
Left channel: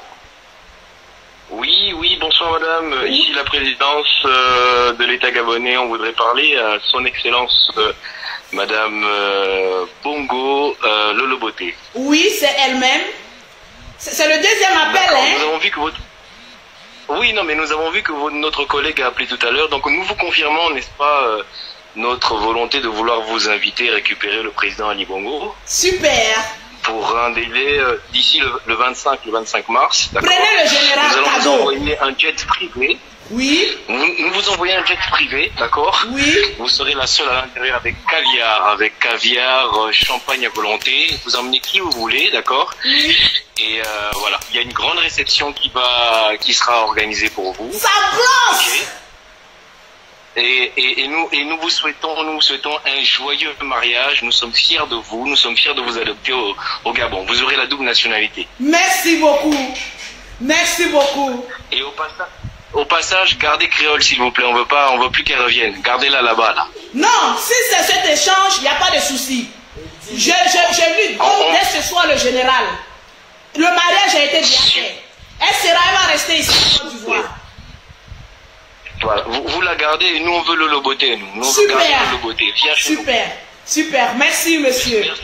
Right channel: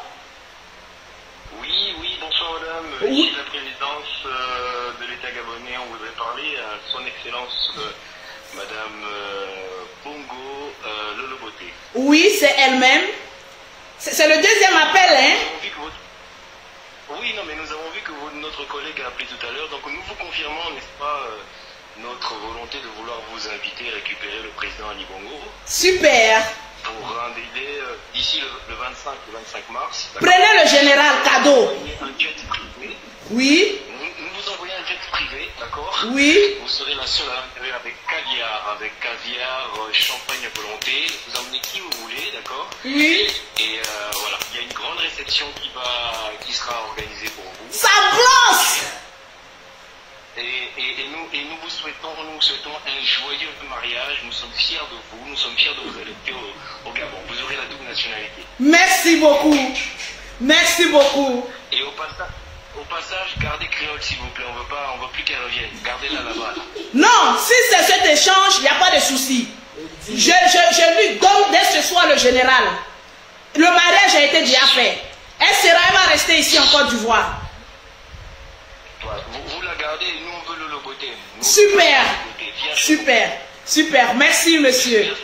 Oui, bonsoir madame. Oui. Ici la présidence de l'État gabonais. On voudrait parler à son excellence Madame Bongo Loloboté. Oui, c'est elle-même. C'est le deuxième appel, hein? Nous avons vu que votre... Oui, non, mais nous avons vu que notre collègue a appelé tout à l'heure. Donc nous vous confirmons, n'est-ce pas, notre volonté de vouloir vous inviter à récupérer le président Ali Bongo. Super. Pour un délai d'ici le 25 mars. Prenez le général cadeau. Nous vous envoyer un jet privé. Oui. Nous vous envoyons un jet privé, d'accord? Oui. Vous serez la seule à l'intérieur avec caviar, champagne à volonté. Vous emmenez qui vous voulez, d'accord? Oui. Et voilà, il y a une grande réception qui sera organisée pour vous. Ça brosse. Et nous vous souhaitons un joyeux mariage. Nous sommes fiers de vous. Nous sommes fiers de vous adopter au Gabon. Vous aurez la double nationalité. Merci beaucoup. Merci beaucoup. Et au passage, gardez créole s'il vous plaît. On veut plus qu'elle revienne. Gardez-la là-bas, là. Non, si c'est cet échange, il n'y a pas de souci. Je lui donne dès ce soir le général. Le mariage a été bien fait. Elle va rester ici en Côte d'Ivoire. Voilà. Vous la gardez et nous on veut le loboter. Super. Super. Super. Merci monsieur.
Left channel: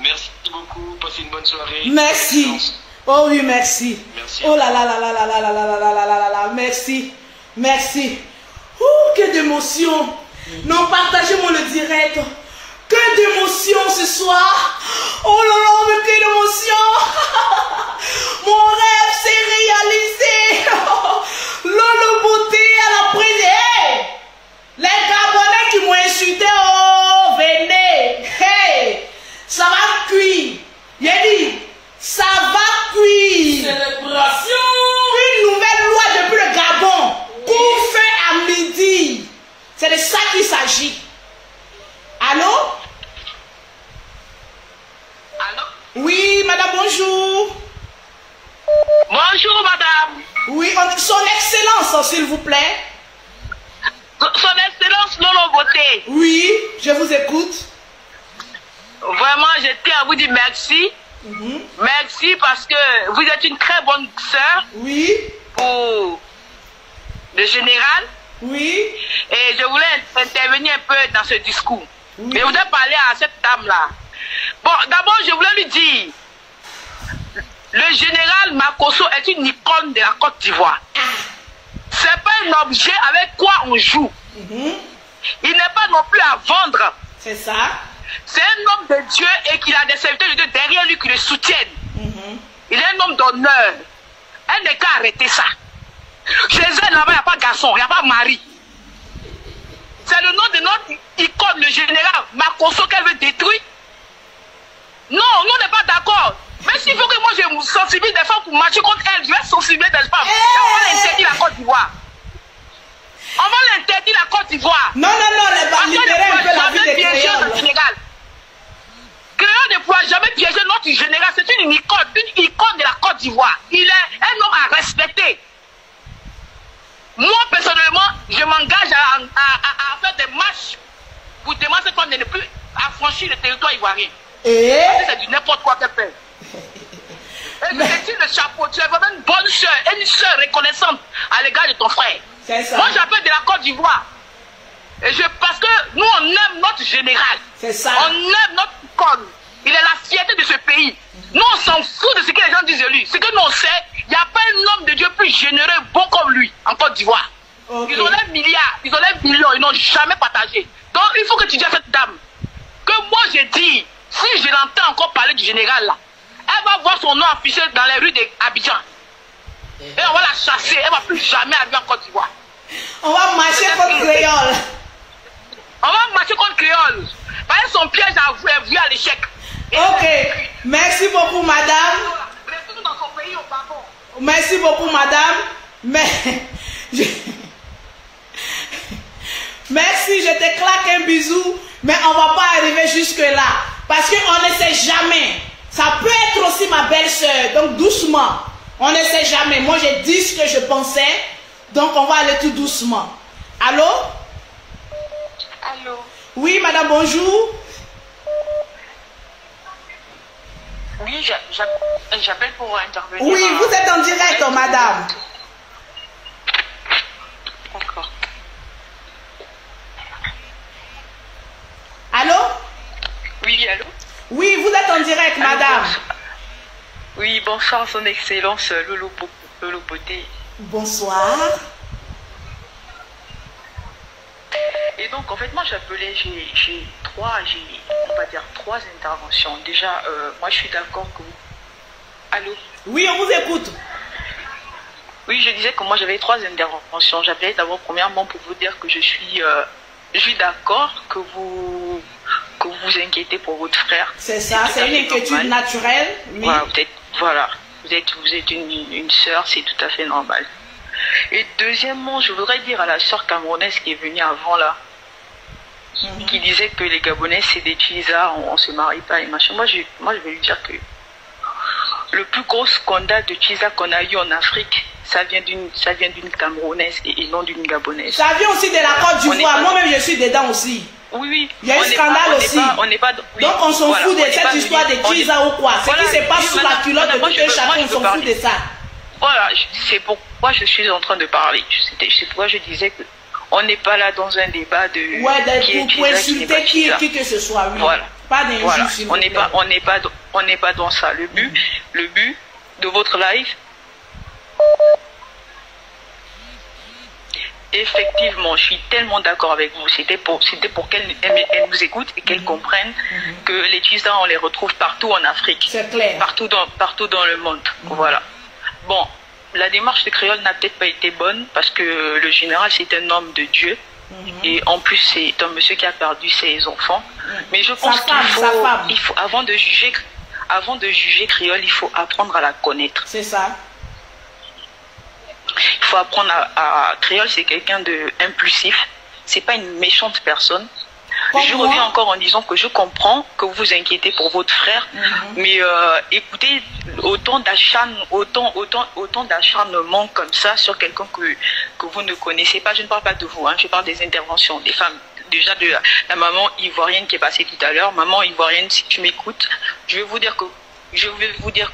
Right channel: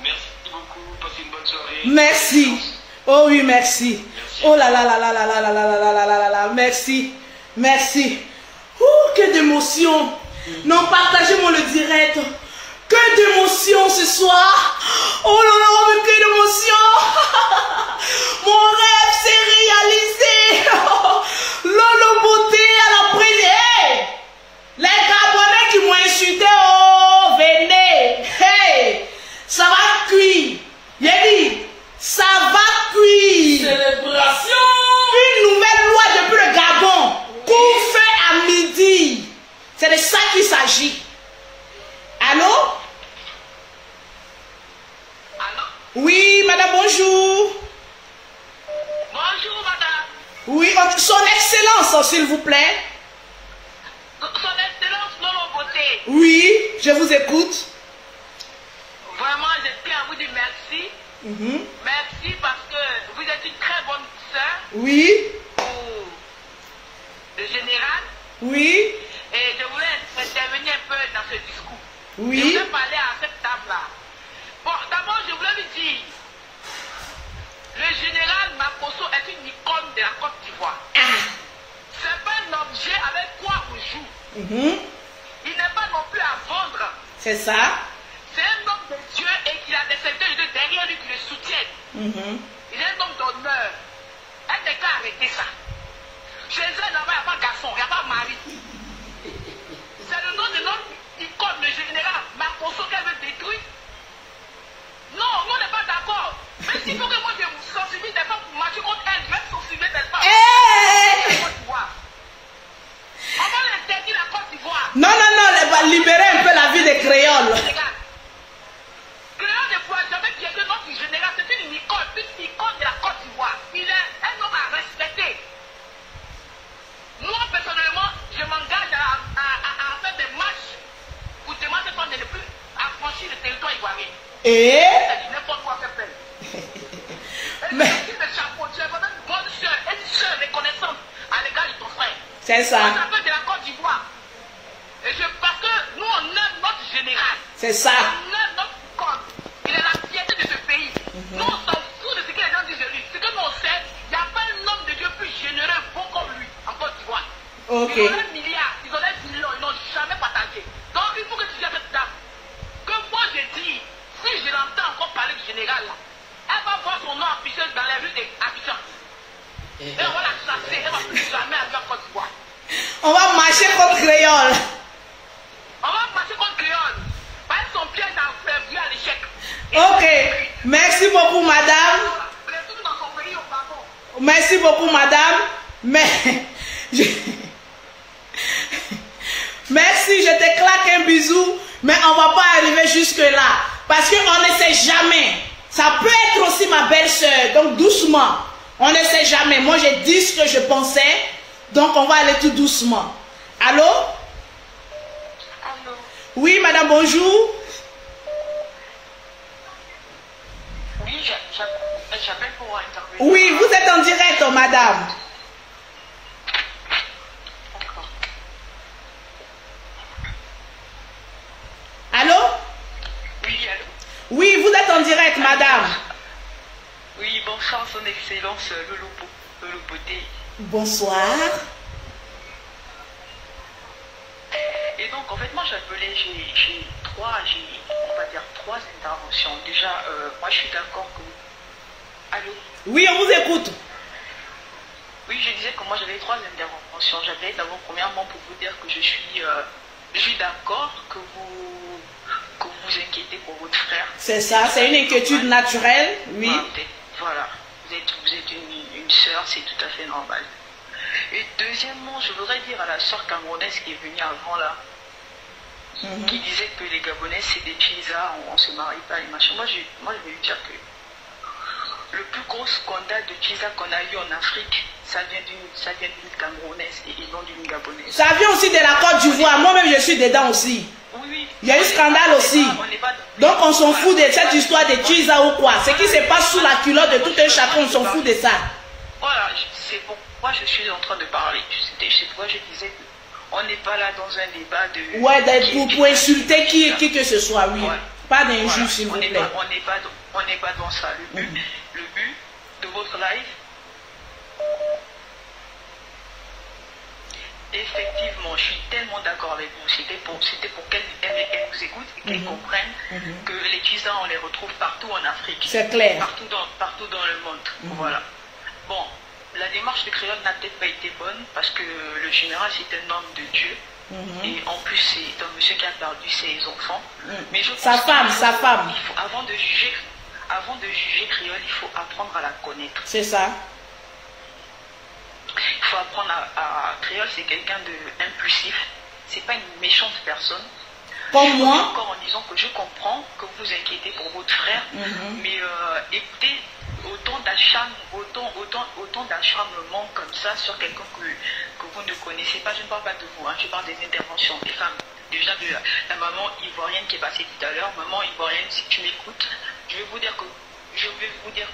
Merci beaucoup. Passez une bonne soirée. Merci. Oh oui, merci. Oh là là là là là là là là là là là là. Merci. Merci. Que d'émotion. Non, partagez-moi le direct. Que d'émotion ce soir. Oh là là, mais que d'émotion. Mon rêve s'est réalisé. Lolo Beauté à la prière. Les Gabonais qui m'ont insulté, oh, venez. Hey, ça va cuire. J'ai dit, ça va cuire. Célébration. Une nouvelle loi depuis le Gabon. Couvre-feu à midi. C'est de ça qu'il s'agit. Allô? Oui, madame, bonjour. Bonjour, madame. Oui, son excellence, s'il vous plaît. Son excellence Lolo Beauté. Oui, je vous écoute. Vraiment, je tiens à vous dire merci. Merci parce que vous êtes une très bonne sœur. Oui. Pour le général. Oui. Et je voulais intervenir un peu dans ce discours. Oui. Et je voulais parler à cette dame-là. Bon, d'abord, je voulais lui dire, le général Makosso est une icône de la Côte d'Ivoire. C'est pas un objet avec quoi on joue. Il n'est pas non plus à vendre. C'est ça. C'est un homme de Dieu et qu'il a des serviteurs de Dieu derrière lui qui le soutiennent. Il est un homme d'honneur. Elle n'est qu'à arrêter ça. Chez elle, là-bas, il n'y a pas de garçon, il n'y a pas de mari. C'est le nom de notre icône, le général Makosso, qu'elle veut détruire. Non, nous, on n'est pas d'accord. Mais s'il faut que moi je me sensibilise des fois pour marcher contre elle, je vais sensibiliser des femmes. C'est la Côte d'Ivoire. Côte d'Ivoire. Non, libérez un peu la vie des créoles. Créole ne pourra jamais piéger notre général. C'est une icône de la Côte d'Ivoire. Il est un homme à respecter. Moi, personnellement, je m'engage à faire des marches pour demander qu'on ne plus affranchir le territoire ivoirien. Et c'est du n'importe quoi qu'elle fait. Et c'est le chapeau. Tu es vraiment une bonne soeur, une soeur reconnaissante à l'égard de ton frère. C'est ça. Moi, j'appelle de la Côte d'Ivoire. Parce que nous, on aime notre général. C'est ça. On aime notre icône. Il est la fierté de ce pays. Nous, on s'en fout de ce que les gens disent de lui. Ce que nous, on sait, il n'y a pas un homme de Dieu plus généreux, bon comme lui, en Côte d'Ivoire. Okay. Ils ont des milliards, ils ont des millions, ils n'ont jamais partagé. Donc, il faut que tu dises à cette dame que moi, j'ai dit, si je l'entends encore parler du général là, elle va voir son nom affiché dans les rues d'Abidjan. Et on va la chasser, elle ne va plus jamais arriver en Côte d'Ivoire. On va marcher contre créole. On va marcher contre créole. Parce que son piège a vu à l'échec. Ok, merci beaucoup madame. Merci beaucoup madame. Mais merci, je te claque un bisou. Mais on va pas arriver jusque là. Parce qu'on ne sait jamais. Ça peut être aussi ma belle-sœur. Donc doucement. On ne sait jamais. Moi j'ai dit ce que je pensais. Donc on va aller tout doucement. Allô? Allô? Oui madame, bonjour. Oui, j'appelle pour intervenir. Oui, vous êtes en direct, madame. D'accord. Allô? Oui, allô? Oui, vous êtes en direct, madame. Oui, bonsoir, son excellence Lolo Beauté. Bonsoir. Et donc, en fait, moi, j'appelais, j'ai trois interventions. Déjà, moi, je suis d'accord que... Allô? Oui, on vous écoute. Oui, je disais que moi, j'avais trois interventions. J'appelais d'abord, premièrement, pour vous dire que je suis d'accord que vous inquiétez pour votre frère. C'est ça, c'est une inquiétude naturelle. Oui. Vous êtes une sœur, c'est tout à fait normal. Et deuxièmement, je voudrais dire à la sœur camerounaise qui est venue avant là, qui disait que les Gabonais c'est des tuisards, on se marie pas et machin. Moi je vais lui dire que le plus gros scandale de tuisards qu'on a eu en Afrique, ça vient d'une Camerounaise et non d'une Gabonaise. Ça vient aussi de la Côte d'Ivoire. Moi-même je suis dedans aussi. Oui. Il y a eu scandale aussi. Donc on s'en fout de cette histoire de tuisards ou quoi. Ce qui se passe sous la culotte de tout un chacun, on s'en fout de ça. Voilà, c'est pourquoi je suis en train de parler. C'est pourquoi je disais que on n'est pas là dans un débat de... Ouais, pour insulter qui que ce soit, oui. Voilà. Pas d'injustice, voilà. On n'est pas dans ça. Le but de votre live, effectivement, je suis tellement d'accord avec vous. C'était pour qu'elle nous écoute et qu'elle comprenne que les tuisards, on les retrouve partout en Afrique. C'est clair. Partout dans le monde. Voilà. Bon, la démarche de Créole n'a peut-être pas été bonne parce que le général, c'est un homme de Dieu. Et en plus, c'est un monsieur qui a perdu ses enfants. Mais je pense sa femme. Il faut, avant de juger Créole, il faut apprendre à la connaître. C'est ça. Il faut apprendre à Créole, c'est quelqu'un d'impulsif. C'est pas une méchante personne. Je reviens encore en disant que je comprends que vous vous inquiétez pour votre frère, mais écoutez, autant d'acharnement comme ça sur quelqu'un que vous ne connaissez pas, je ne parle pas de vous, hein, je parle des interventions des femmes. Déjà de la maman ivoirienne qui est passée tout à l'heure. Maman ivoirienne, si tu m'écoutes, je vais vous dire que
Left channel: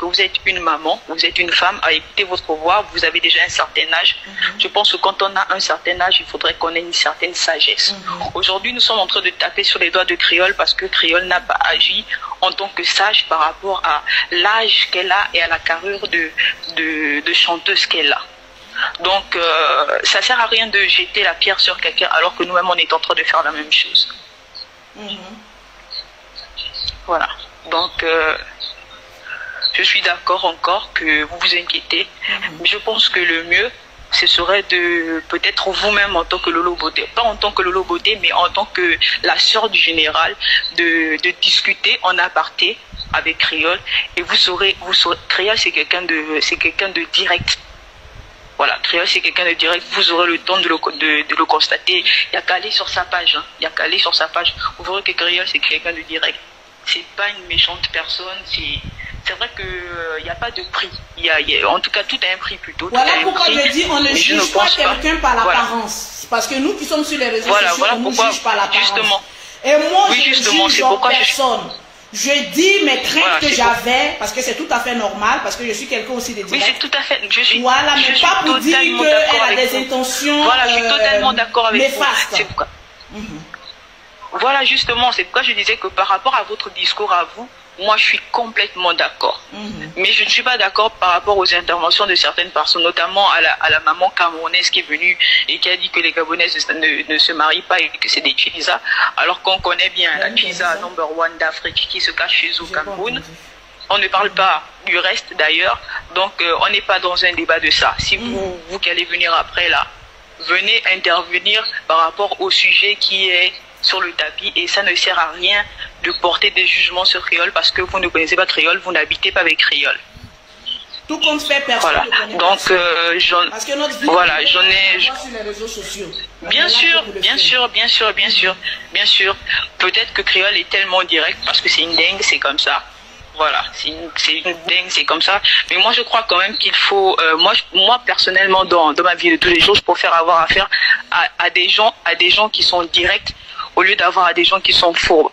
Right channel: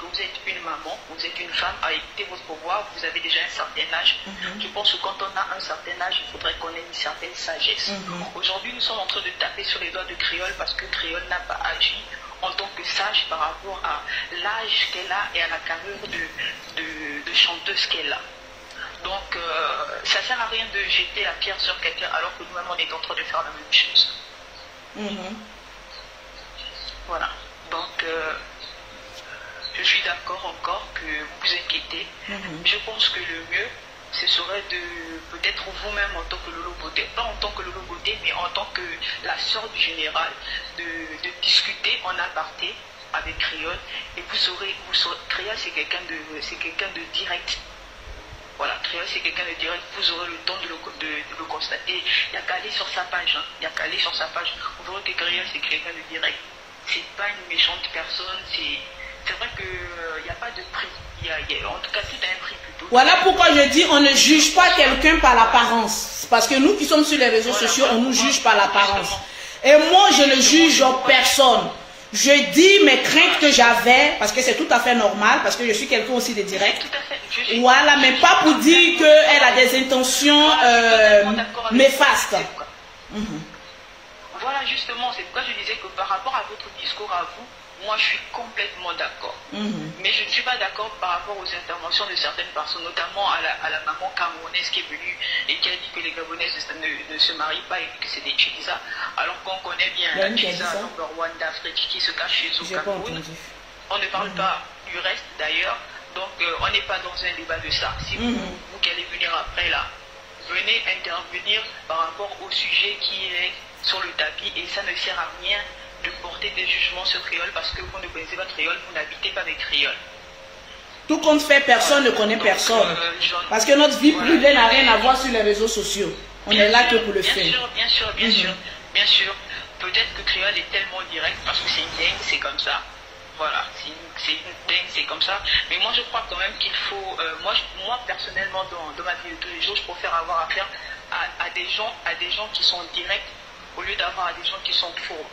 vous êtes une maman, vous êtes une femme, à écouter votre voix, vous avez déjà un certain âge. Je pense que quand on a un certain âge, il faudrait qu'on ait une certaine sagesse. Aujourd'hui, nous sommes en train de taper sur les doigts de Créole parce que Créole n'a pas agi en tant que sage par rapport à l'âge qu'elle a et à la carrure de chanteuse qu'elle a. Donc, ça ne sert à rien de jeter la pierre sur quelqu'un alors que nous-mêmes, on est en train de faire la même chose. Voilà. Donc... je suis d'accord encore que vous vous inquiétez. Je pense que le mieux, ce serait de peut-être vous-même en tant que Lolo Beauté, pas en tant que Lolo Beauté, mais en tant que la sœur du général, de discuter en aparté avec Créole. Et vous saurez Créole, c'est quelqu'un de direct. Voilà, Créole, c'est quelqu'un de direct. Vous aurez le temps de le constater. Il y a qu'à aller sur sa page. Hein. Il y a qu'à aller sur sa page. Vous verrez que Créole, c'est quelqu'un de direct. C'est pas une méchante personne. C'est vrai qu'il n'y a pas de prix. En tout cas, tout a un prix plutôt. Voilà pourquoi je dis on ne juge pas quelqu'un par l'apparence. Parce que nous qui sommes sur les réseaux sociaux, on ne nous juge pas l'apparence. Et moi, je ne juge personne. Je dis mes craintes que j'avais, parce que c'est tout à fait normal, parce que je suis quelqu'un aussi de direct. Oui, c'est tout à fait. Voilà, mais pas pour dire qu'elle a des intentions néfastes. Voilà, justement, c'est pourquoi je disais que par rapport à votre discours à vous, moi, je suis complètement d'accord. Mais je ne suis pas d'accord par rapport aux interventions de certaines personnes, notamment à la maman camerounaise qui est venue et qui a dit que les Gabonaises ne se marient pas et que c'est des Tchisa, alors qu'on connaît bien la Tchisa number one d'Afrique qui se cache chez nous au Cameroun. On ne parle pas du reste d'ailleurs, donc on n'est pas dans un débat de ça. Si vous qui allez venir après là, venez intervenir par rapport au sujet qui est sur le tapis et ça ne sert à rien de porter des jugements sur Créole parce que vous ne connaissez pas Créole, vous n'habitez pas avec Créole. Tout compte fait, personne ne connaît personne. Parce que notre vie privée n'a rien à voir sur les réseaux sociaux. Bien sûr. Peut-être que Créole est tellement direct parce que c'est une dingue, c'est comme ça. Voilà, c'est une dingue, c'est comme ça. Mais moi, je crois quand même qu'il faut... moi, personnellement, dans ma vie de tous les jours, je préfère avoir affaire à des gens qui sont directs au lieu d'avoir à des gens qui sont faux.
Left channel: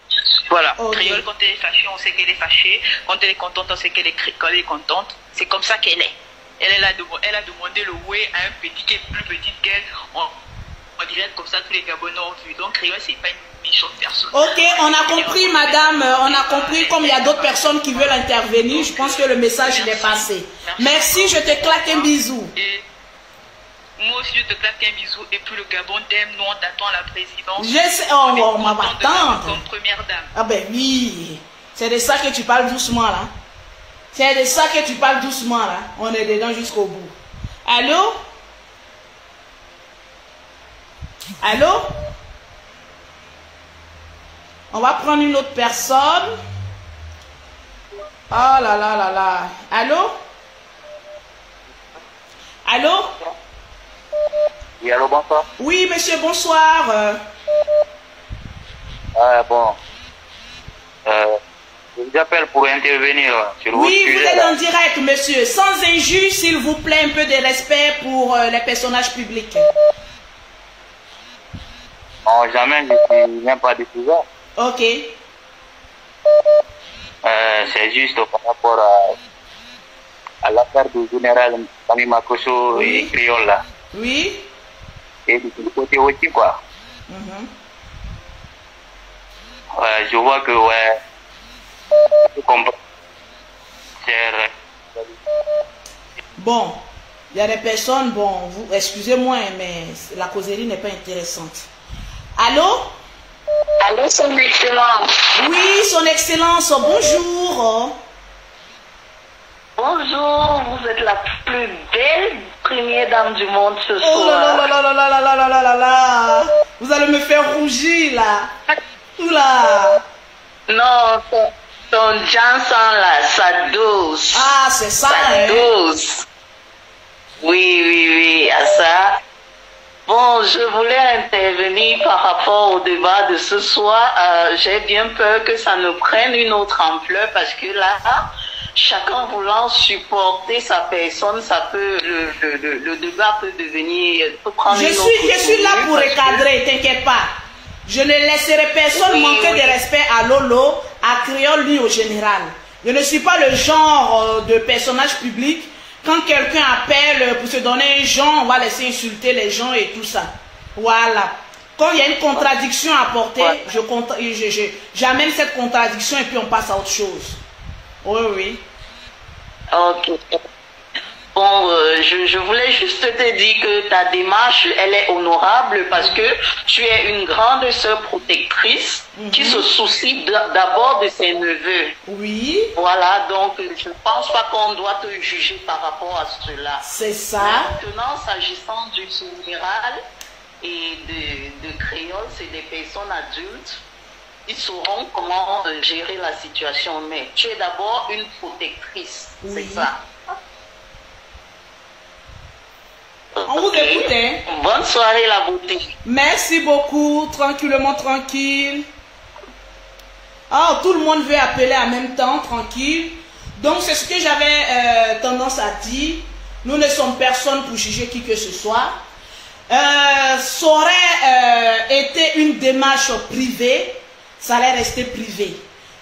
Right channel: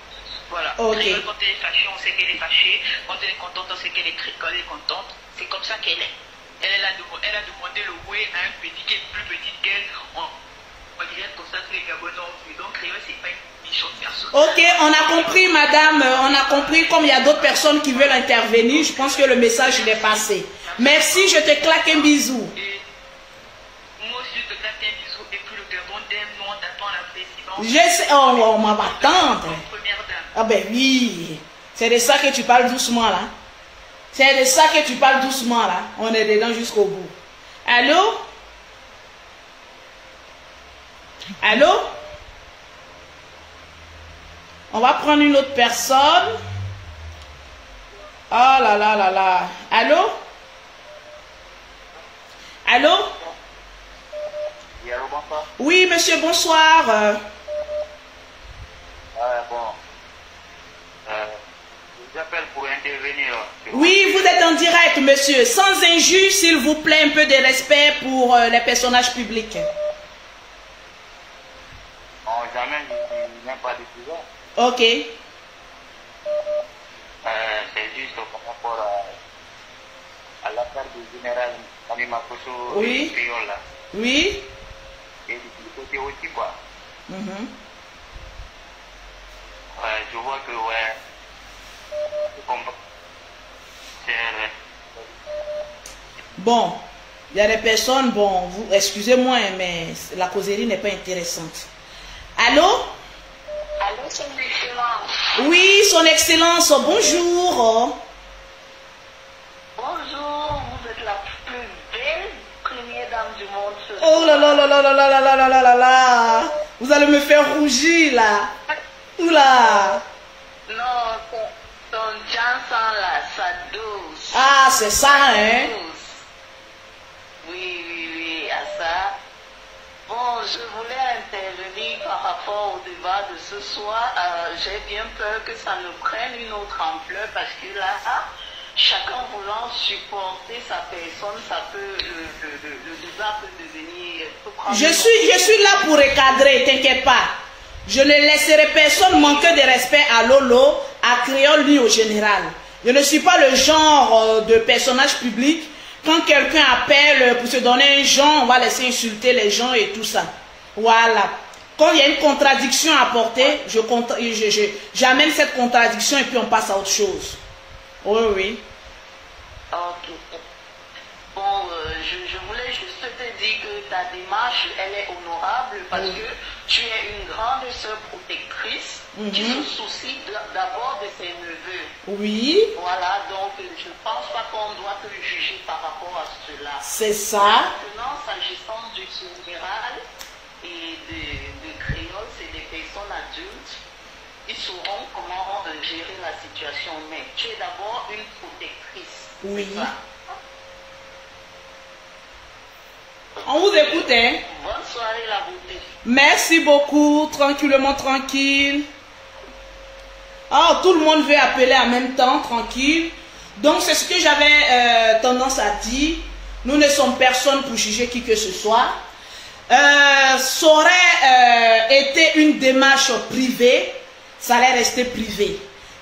Voilà. Créole, quand elle est fâchée, on sait qu'elle est fâchée. Quand elle est contente, on sait qu'elle est contente. C'est comme ça qu'elle est. Elle a demandé le ouais à un petit qui est plus petite qu'elle. On dirait comme ça que les Gabonais ont vu. Donc Créole, c'est pas une méchante personne. Ok, on a compris, madame. On a compris. Comme il y a d'autres personnes qui veulent intervenir, je pense que le message est passé. Merci, je te claque un bisou. Moi aussi, je te claque un bisou. Et puis le Gabon t'aime, nous on t'attend à la présidence. Je sais, on va attendre. Comme première dame. Ah ben oui, c'est de ça que tu parles doucement là. C'est de ça que tu parles doucement là. On est dedans jusqu'au bout. Allô? Allô? On va prendre une autre personne. Oh là là là là. Allô? Allô? Oui, allô, bonsoir. Oui, monsieur, bonsoir. Bon. Je vous appelle pour intervenir sur oui, vous êtes en direct, monsieur. Sans injure, s'il vous plaît, un peu de respect pour les personnages publics. Non, jamais, je ne suis même pas diffuseur. Ok. C'est juste par rapport à l'affaire du général Sami Makosso et Créole là. Oui. Et du côté aussi, quoi. Je vois que, je comprends. Bon, il y a des personnes, bon, excusez-moi, mais la causerie n'est pas intéressante. Allô? Allô, son excellence. Oui, son excellence, bonjour. Bonjour, vous êtes la plus belle première dame du monde ce soir. Oh là là là là là là là là là là là. Vous allez me faire rougir là. Oula. Non, ton Johnson là, ça dose. Ah, c'est ça, hein? Dose. Oui, à ça. Bon, je voulais intervenir par rapport au débat de ce soir. J'ai bien peur que ça ne prenne une autre ampleur parce que là, chacun voulant supporter sa personne, ça peut, le débat peut devenir, peut prendre je suis là pour recadrer, t'inquiète pas. Je ne laisserai personne manquer de respect à Lolo, à Créole ni au général. Je ne suis pas le genre de personnage public. Quand quelqu'un appelle pour se donner un genre, on va laisser insulter les gens et tout ça. Voilà. Quand il y a une contradiction à apporter, j'amène cette contradiction et puis on passe à autre chose. Oui. Ok. Bon, je voulais juste te dire que ta démarche, elle est honorable parce que tu es une grande sœur protectrice qui se soucie d'abord de ses neveux. Oui. Voilà, donc je ne pense pas qu'on doit te juger par rapport à cela. C'est ça. Maintenant, s'agissant du général et de Créole, c'est des personnes adultes. Ils sauront comment gérer la situation. Mais tu es d'abord une protectrice. Oui. C'est ça. On vous écoute, hein? Bonne soirée, la beauté. Merci beaucoup. Tranquillement, tranquille. Ah, tout le monde veut appeler en même temps, tranquille. Donc, c'est ce que j'avais tendance à dire. Nous ne sommes personne pour juger qui que ce soit. Ça aurait été une démarche privée, ça allait rester privé.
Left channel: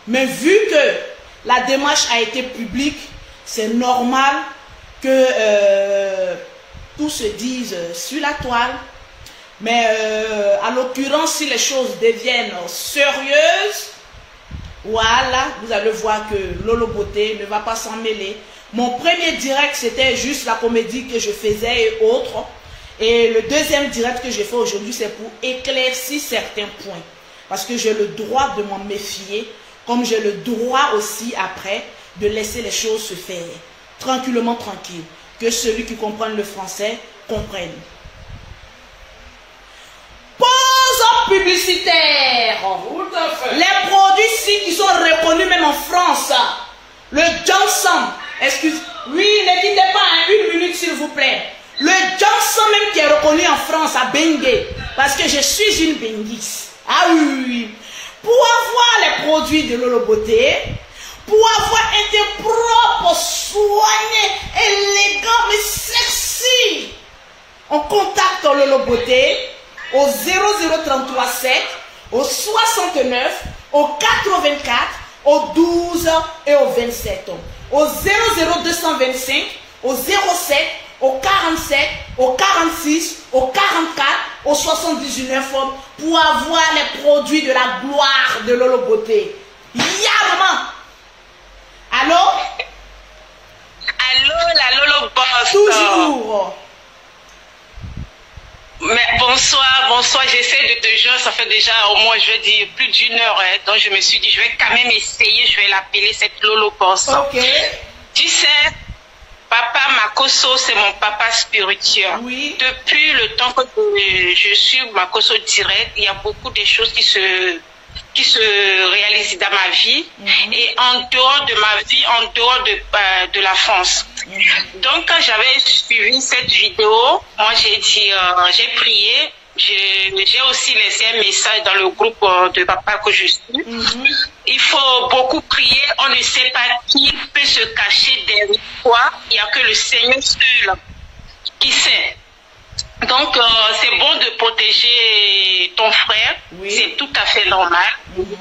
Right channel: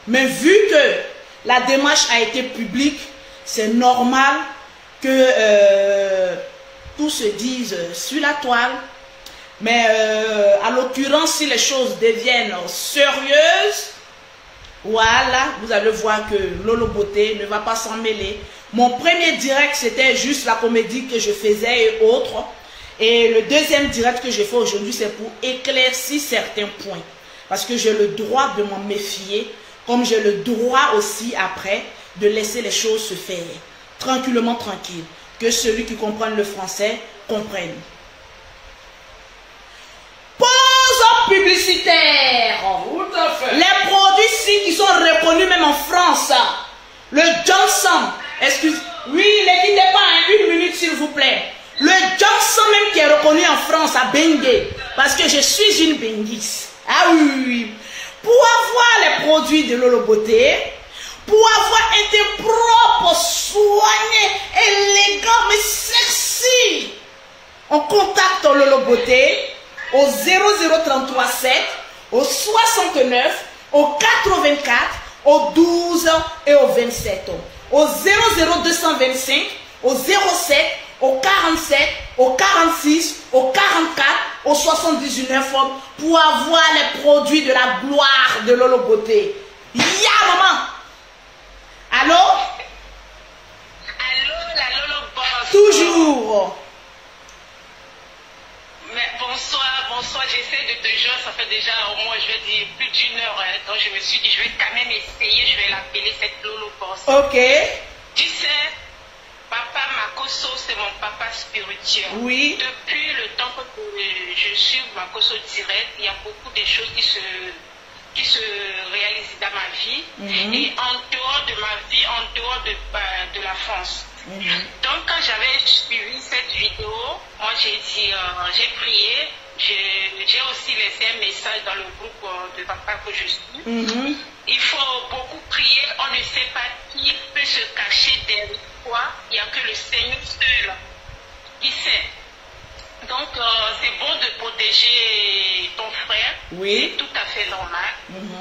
Mais vu que la démarche a été publique, c'est normal que tout se dise sur la toile. Mais à l'occurrence, si les choses deviennent sérieuses, voilà, vous allez voir que Lolo Beauté ne va pas s'en mêler. Mon premier direct, c'était juste la comédie que je faisais et autres. Et le deuxième direct que j'ai fait aujourd'hui, c'est pour éclaircir certains points. Parce que j'ai le droit de m'en méfier, comme j'ai le droit aussi après de laisser les choses se faire. Tranquillement, tranquille. Que celui qui comprend le français comprenne. Pause publicitaire. Tout à fait. Les produits qui sont reconnus même en France. Le Johnson. Excuse. Oui, ne quittez pas une minute s'il vous plaît. Le Johnson même qui est reconnu en France à Bengue. Parce que je suis une Benguis. Ah oui. Pour avoir les produits de Lolo Beauté, pour avoir un teint propre, soigné, élégant, mais sexy, on contacte Lolo Beauté au 00337, au 69, au 84, au 12 et au 27. Au 00225, au 07, au 47, au 46, au 44, au 79 pour avoir les produits de la gloire de Lolo Beauté. Ya maman. Allô? Allô, la Lolo Boss. Toujours. Mais bonsoir, j'essaie de te joindre, ça fait déjà au moins, je vais dire, plus d'une heure, hein, donc je me suis dit, je vais quand même essayer, je vais l'appeler cette Lolo Boss. Ok. Tu sais, Papa Makosso, c'est mon papa spirituel. Oui. Depuis le temps que je suis Makosso direct, il y a beaucoup de choses qui se réalisent dans ma vie et en dehors de ma vie, en dehors de la France. Donc, quand j'avais suivi cette vidéo, moi j'ai dit, j'ai prié, j'ai aussi laissé un message dans le groupe de papa que je suis. Il faut beaucoup prier, on ne sait pas qui peut se cacher derrière quoi, il n'y a que le Seigneur seul qui sait. Donc, c'est bon de protéger ton frère, c'est tout à fait normal.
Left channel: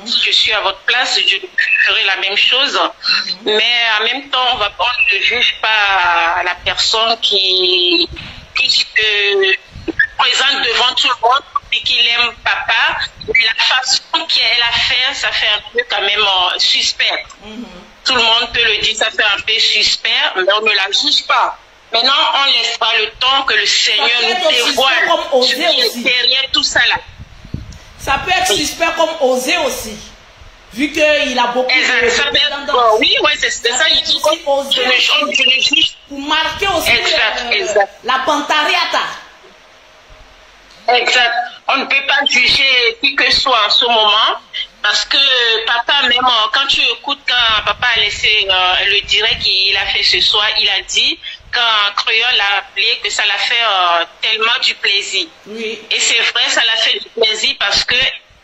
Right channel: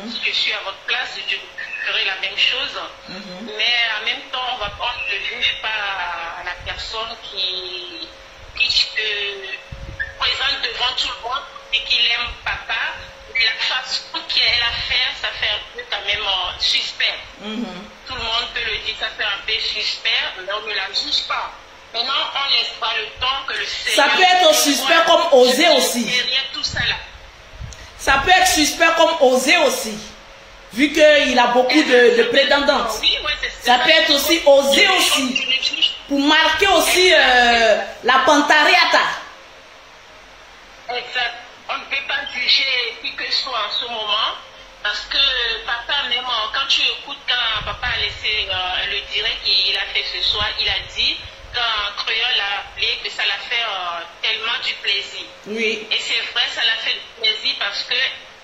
Je suis à votre place, je ferai la même chose. Mais en même temps, on ne juge pas la personne qui se présente devant tout le monde et qu'il aime papa. Mais la façon qu'elle a fait, ça fait un peu quand même suspect. Tout le monde peut le dire, ça fait un peu suspect, mais on ne la juge pas. Maintenant, on laisse pas le temps que le Seigneur ça peut être suspect comme osé aussi. Derrière tout ça là. Ça peut être suspect comme osé aussi. Vu qu'il a beaucoup de prétendants. Oui, c'est ça. Ça peut être aussi osé aussi. Pour marquer aussi la pantariata. Exact. On ne peut pas juger qui que soit en ce moment. Parce que papa, même quand tu écoutes, quand papa a laissé le direct qu'il a fait ce soir, il a dit quand Créole l'a appelé que ça l'a fait tellement du plaisir. Oui. Et c'est vrai, ça l'a fait du plaisir parce que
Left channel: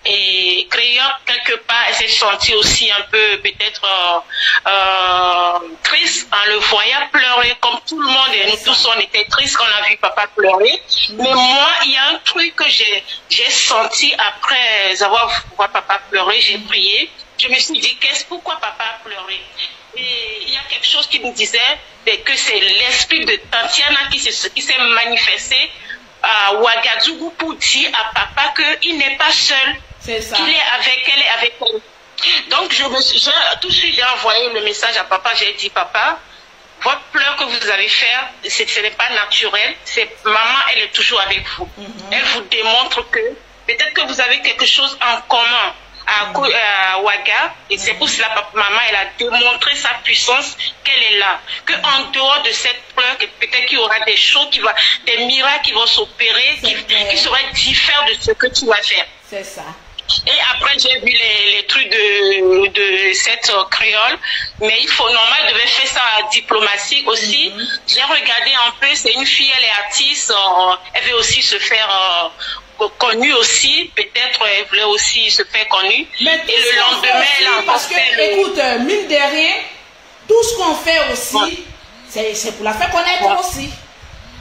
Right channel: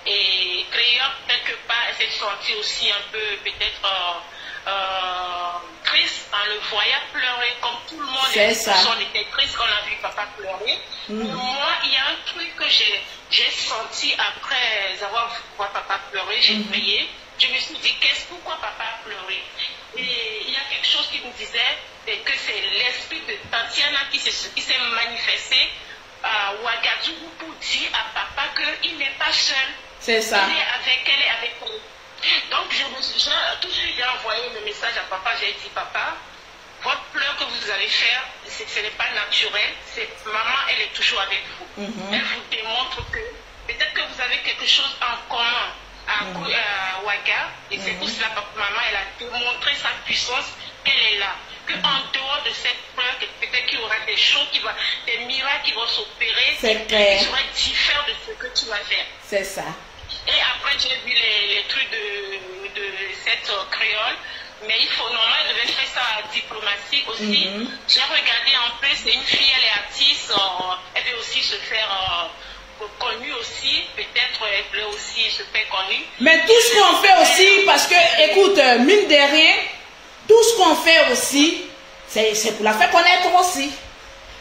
Créole, quelque part, elle s'est sentie aussi un peu peut-être triste en le voyant pleurer comme tout le monde. Et nous tous, on était tristes quand on a vu papa pleurer. Mais moi, il y a un truc que j'ai senti après avoir vu papa pleurer, j'ai prié. Je me suis dit, pourquoi papa a pleuré? Et il y a quelque chose qui me disait que c'est l'esprit de Tatiana qui s'est manifesté à Ouagadougou pour dire à papa qu'il n'est pas seul. C'est ça. Il est avec elle et avec elle. Donc, tout de suite, j'ai envoyé le message à papa. J'ai dit, papa, votre pleur que vous avez fait, ce n'est pas naturel. Maman, elle est toujours avec vous. Elle vous démontre que peut-être que vous avez quelque chose en commun à Ouaga. Et c'est pour cela que maman, elle a démontré sa puissance, qu'elle est là. Qu'en dehors de cette pleur, peut-être qu'il y aura des choses, des miracles qui vont s'opérer, qui seraient différents de ce que tu vas faire. C'est ça. Et après, j'ai vu les trucs de cette créole, mais il faut normalement devait faire ça à diplomatie aussi. J'ai regardé un peu, c'est une fille, elle est artiste, elle veut aussi se faire connue aussi, peut-être elle voulait aussi se faire connue. Mais tout ce qu'on fait aussi, parce que, écoute, mine de rien, tout ce qu'on fait aussi, c'est pour la faire connaître aussi.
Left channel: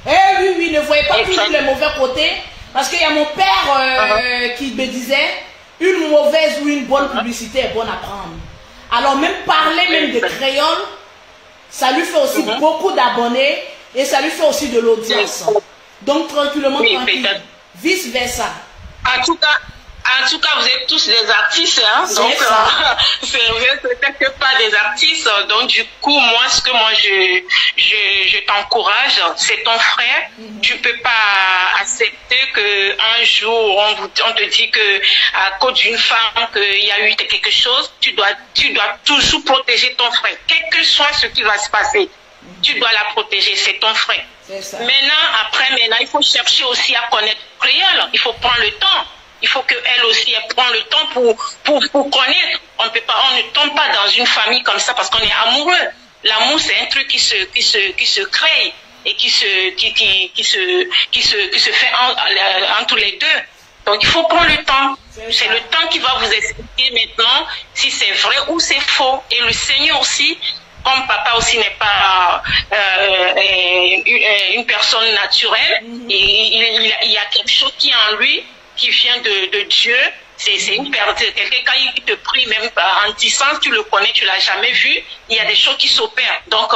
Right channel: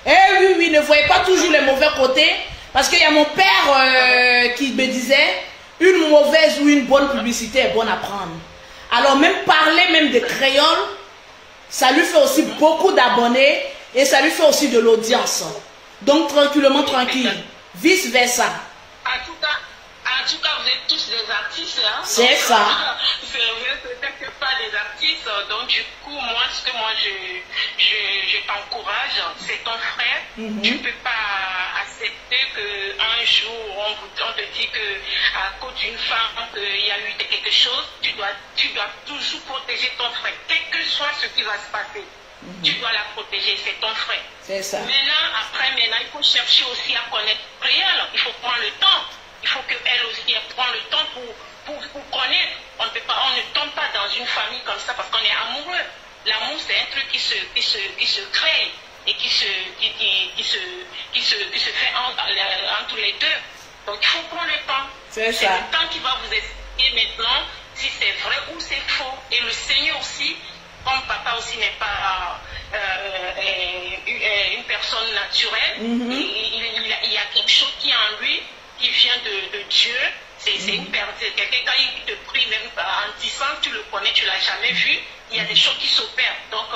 Eh oui, oui, ne voyez pas toujours les mauvais côtés, parce qu'il y a mon père qui me disait, une mauvaise ou une bonne publicité est bonne à prendre. Alors même parler même de créole, ça lui fait aussi beaucoup d'abonnés et ça lui fait aussi de l'audience. Donc tranquillement, tranquille. Vice versa. En tout cas, vous êtes tous des artistes, hein. C'est ça. Vous êtes peut-être pas des artistes, donc du coup, je t'encourage, c'est ton frère. Tu ne peux pas accepter qu'un jour, on te dit que à cause d'une femme, qu'il y a eu quelque chose, tu dois toujours protéger ton frère. Quel que soit ce qui va se passer, tu dois la protéger, c'est ton frère. C'est ça. Maintenant, il faut chercher aussi à connaître le créole. Il faut prendre le temps. Il faut qu'elle aussi prenne le temps pour connaître. On ne tombe pas dans une famille comme ça parce qu'on est amoureux. L'amour, c'est un truc qui se crée et qui se fait entre les deux. Donc, il faut prendre le temps. C'est le temps qui va vous expliquer maintenant si c'est vrai ou c'est faux. Et le Seigneur aussi, comme papa aussi n'est pas une personne naturelle, il y a quelque chose qui est en lui, qui vient de Dieu. C'est une personne, quelqu'un quand il te prie même en distance, tu le connais, tu l'as jamais vu, il y a des choses qui s'opèrent. Donc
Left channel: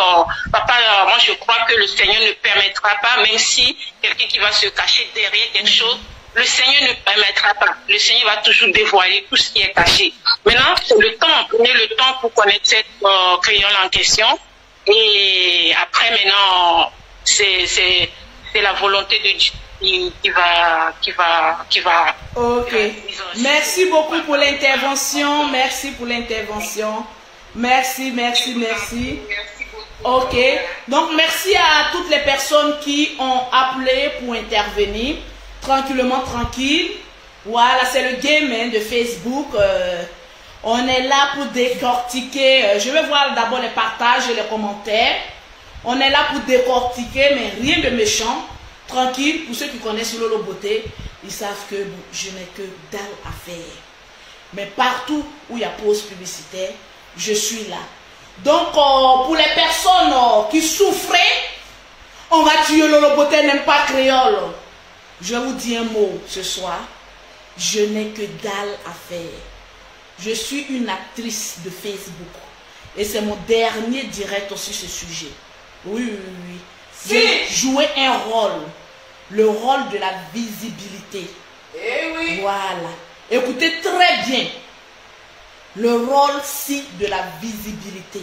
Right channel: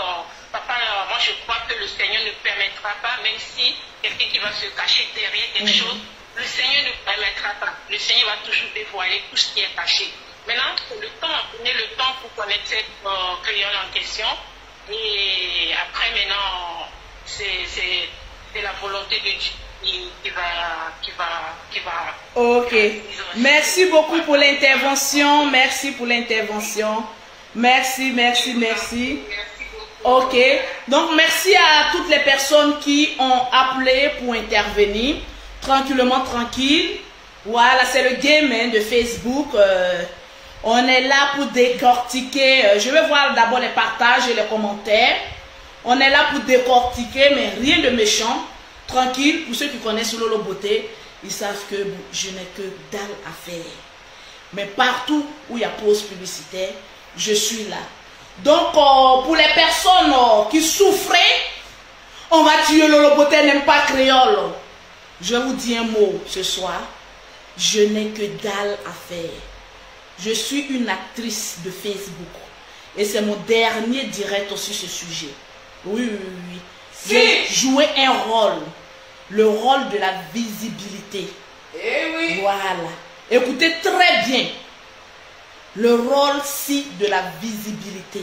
papa, moi je crois que le Seigneur ne permettra pas, même si quelqu'un qui va se cacher derrière quelque chose, le Seigneur ne permettra pas. Le Seigneur va toujours dévoiler tout ce qui est caché. Maintenant, c'est le temps, prenez le temps pour connaître cette créole en question. Et après maintenant, c'est la volonté de Dieu qui va. Ok. Merci beaucoup pour l'intervention. Merci pour l'intervention. Merci. Ok. Donc, merci à toutes les personnes qui ont appelé pour intervenir. Tranquillement, tranquille. Voilà, c'est le game de Facebook. On est là pour décortiquer. Je vais voir d'abord les partages et les commentaires. On est là pour décortiquer, mais rien de méchant. Tranquille, pour ceux qui connaissent Lolo Beauté, ils savent que je n'ai que dalle à faire. Mais partout où il y a pause publicitaire, je suis là. Donc, pour les personnes qui souffraient, on va tuer Lolo Beauté, n'aime pas créole. Je vous dis un mot ce soir. Je n'ai que dalle à faire. Je suis une actrice de Facebook. Et c'est mon dernier direct sur ce sujet. Oui. J'ai joué un rôle. Le rôle de la visibilité. Eh oui. Voilà. Écoutez très bien. Le rôle-ci de la visibilité.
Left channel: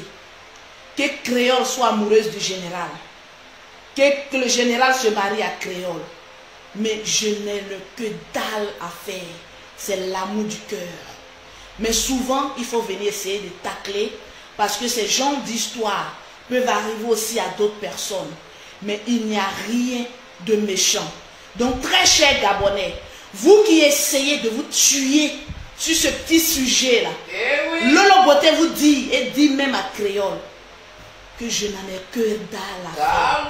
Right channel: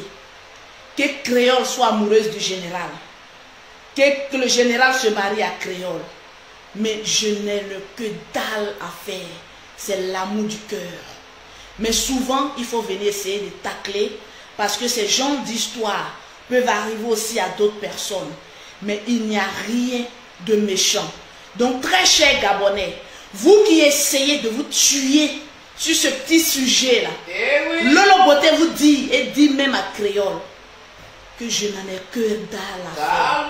Que Créole soit amoureuse du général. Que le général se marie à Créole. Mais je n'ai que dalle à faire. C'est l'amour du cœur. Mais souvent, il faut venir essayer de tacler. Parce que ces genres d'histoire peuvent arriver aussi à d'autres personnes. Mais il n'y a rien de méchant. Donc, très chers Gabonais, vous qui essayez de vous tuer sur ce petit sujet-là, Lolo Beauté vous dit, et dit même à Créole, que je n'en ai que dalle à faire.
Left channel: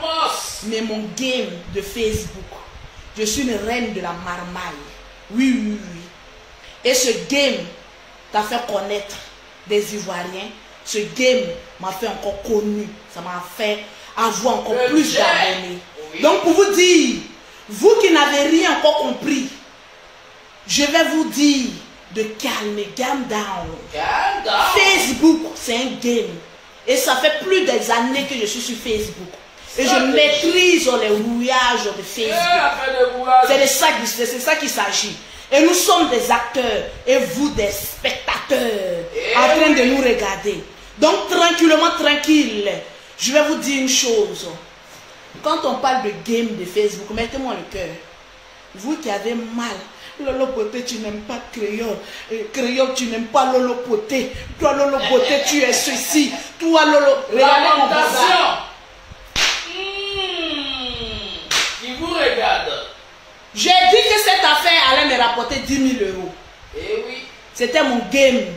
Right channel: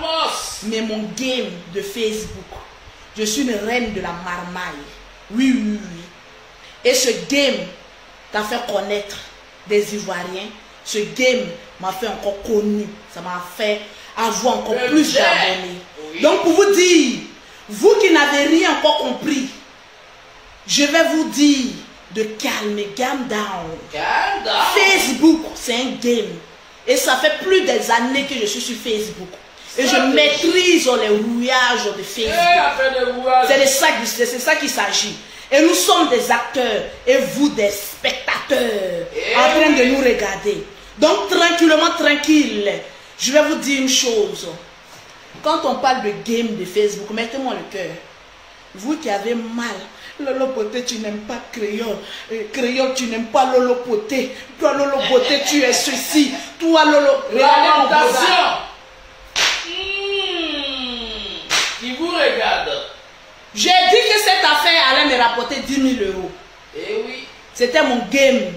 Mais mon game de Facebook, je suis une reine de la marmaille. Oui. Et ce game t'a fait connaître des Ivoiriens. Ce game m'a fait encore connu. Ça m'a fait avoir encore plus d'abonnés. Donc pour vous dire, vous qui n'avez rien encore compris, je vais vous dire de calmer, calm down. Facebook, c'est un game. Et ça fait plus des années que je suis sur Facebook. Et je maîtrise les rouillages de Facebook. C'est de ça qu'il s'agit. Et nous sommes des acteurs et vous des spectateurs en train de nous regarder. Donc tranquillement, tranquille. Je vais vous dire une chose. Quand on parle de game de Facebook, mettez-moi le cœur. Vous qui avez mal, Lolo Beauté, tu n'aimes pas Créole. Créole, tu n'aimes pas Lolo Beauté. Toi, Lolo Beauté, tu es ceci. Toi, Lolo... Lamentation. Qui vous regarde. J'ai dit que cette affaire allait me rapporter 10 000 €. Eh oui. C'était mon game.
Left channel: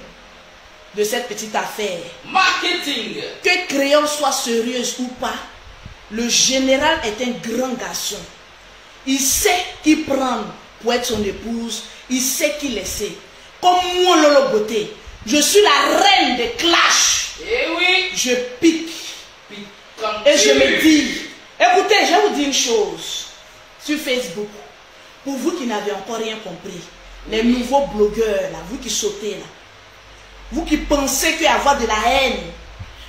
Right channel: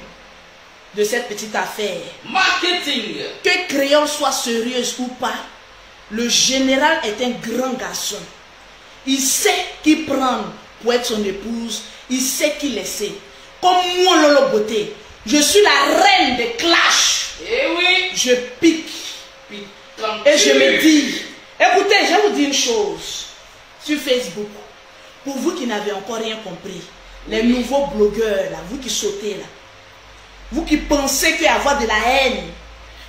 de cette petite affaire. Marketing. Que Créole soit sérieuse ou pas, le général est un grand garçon. Il sait qui prendre pour être son épouse. Il sait qui laisser. Comme moi, Lolo Beauté, je suis la reine des clashs. Eh oui. Je pique. Et je me dis, écoutez, je vais vous dire une chose. Sur Facebook, pour vous qui n'avez encore rien compris, les nouveaux blogueurs, là, vous qui sautez là, vous qui pensez qu'il y a avoir de la haine,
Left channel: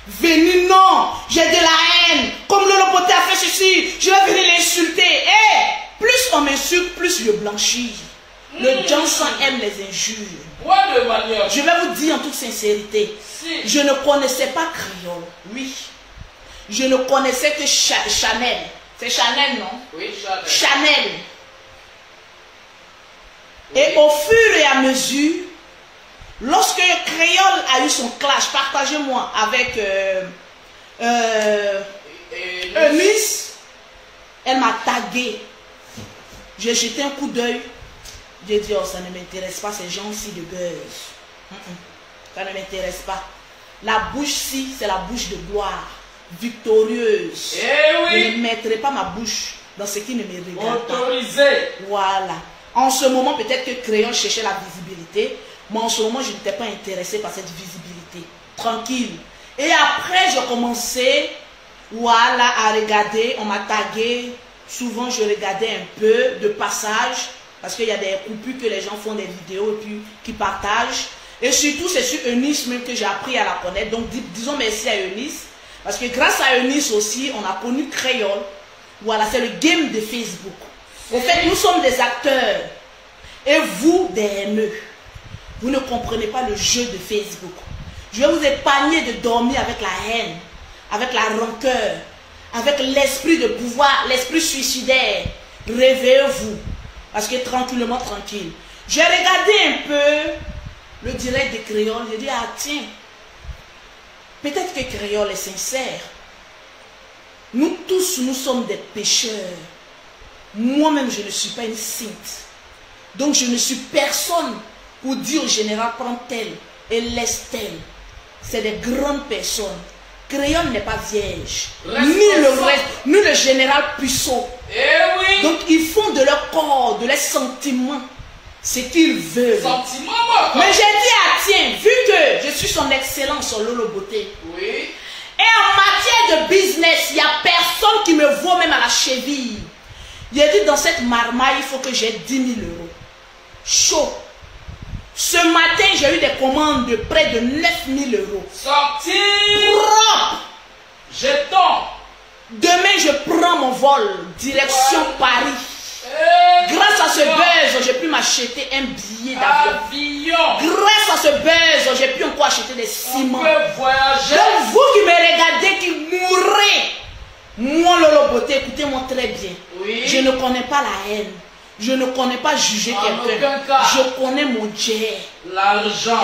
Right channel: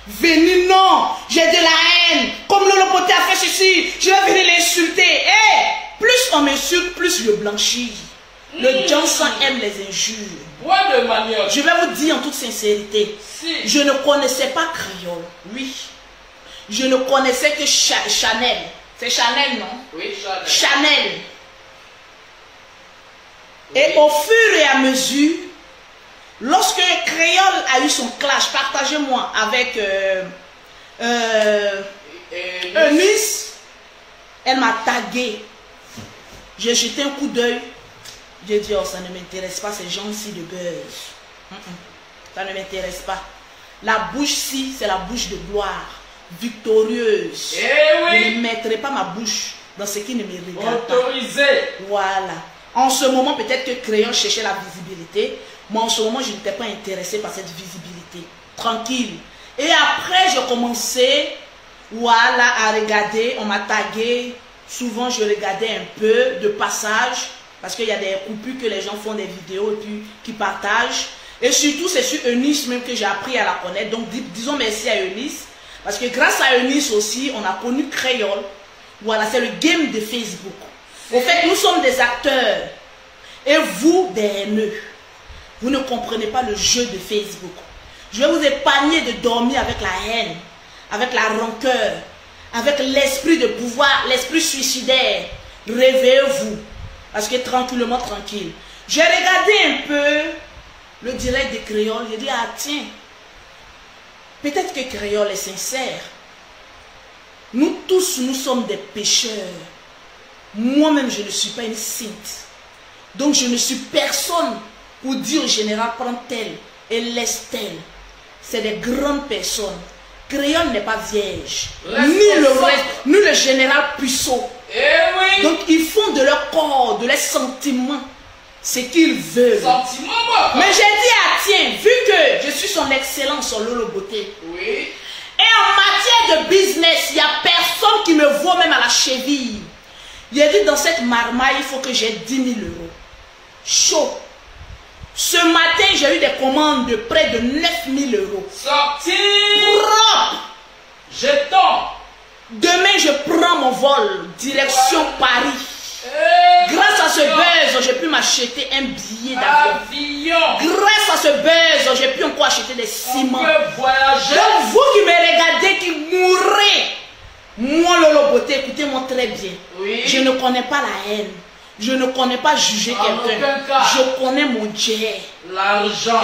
venez, non, j'ai de la haine, comme Lolo Beauté a fait ceci, je vais venir l'insulter. Plus on m'insulte, plus je blanchis. Le Johnson aime les injures. Je vais vous dire en toute sincérité, je ne connaissais pas créole. Oui. Je ne connaissais que Chanel. C'est Chanel, non? Oui, Chanel. Chanel. Et au fur et à mesure, lorsque Créole a eu son clash, partagez-moi avec Eunice, elle m'a tagué. J'ai jeté un coup d'œil. J'ai dit, oh, ça ne m'intéresse pas, ces gens-ci de buzz. Ça ne m'intéresse pas. La bouche-ci, c'est la bouche de gloire, victorieuse. Eh oui. Je ne mettrai pas ma bouche dans ce qui ne me regarde pas. Autorisé. Voilà. En ce moment, peut-être que Crayon cherchait la visibilité. Moi, en ce moment, je n'étais pas intéressée par cette visibilité. Tranquille. Et après, je commençais, voilà, à regarder. On m'a tagué. Souvent, je regardais un peu de passage. Parce qu'il y a des coupures que les gens font des vidéos et puis qui partagent. Et surtout, c'est sur Eunice même que j'ai appris à la connaître. Donc, disons merci à Eunice. Parce que grâce à Eunice aussi, on a connu Créole. Voilà, c'est le game de Facebook. Au fait, nous sommes des acteurs. Et vous, des haineux. Vous ne comprenez pas le jeu de Facebook. Je vais vous épargner de dormir avec la haine, avec la rancœur, avec l'esprit de pouvoir, l'esprit suicidaire. Réveillez-vous. Parce que tranquillement, tranquille. J'ai regardé un peu le direct de Créole. J'ai dit, ah tiens, peut-être que Créole est sincère. Nous tous, nous sommes des pécheurs. Moi-même, je ne suis pas une sainte. Donc, je ne suis personne pour dire au général, prends tel et laisse tel. C'est des grandes personnes. Créole n'est pas vierge. Ni le général Puissot. Eh oui. Donc, ils font de leur corps, de leurs sentiments, ce qu'ils veulent. Mais j'ai dit, ah tiens, vu que je suis son excellence sur Lolo Beauté. Oui. Et en matière de business, il n'y a personne qui me vaut même à la cheville. Il a dit, dans cette marmaille, il faut que j'ai 10 000 euros. Chaud. Ce matin, j'ai eu des commandes de près de 9 000 euros. Sorti. Propre. Jeton. Demain, je prends mon vol, direction Paris. Grâce à ce buzz, j'ai pu m'acheter un billet d'avion. Grâce à ce buzz, j'ai pu encore acheter des ciments. Donc, vous qui me regardez, qui mourrez, moi, Lolo Beauté, écoutez-moi très bien. Oui. Je ne connais pas la haine. Je ne connais pas juger quelqu'un. Je connais mon Dieu. L'argent.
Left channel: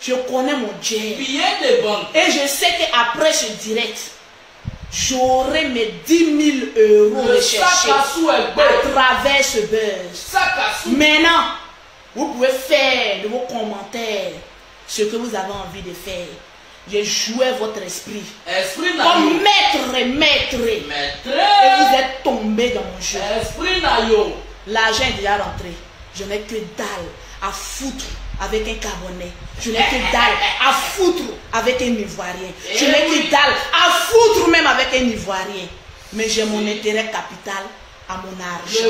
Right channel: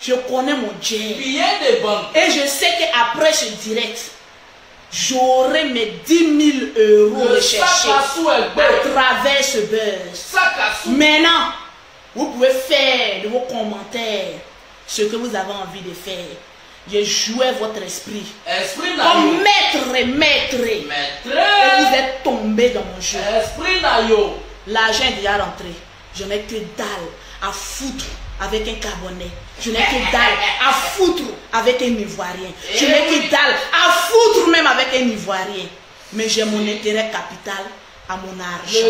Je connais mon Dieu. Billet de banque. Et je sais qu'après ce direct, j'aurai mes 10 000 euros recherchés à travers ce buzz. Maintenant, vous pouvez faire de vos commentaires ce que vous avez envie de faire. Je jouais votre esprit. Comme maître. Et vous êtes tombé dans mon jeu. L'argent est déjà rentré. Je n'ai que dalle à foutre avec un Gabonais. Je n'ai que dalle à foutre avec un Ivoirien. Je n'ai que dalle à foutre même avec un Ivoirien. Mais j'ai mon intérêt capital à mon argent.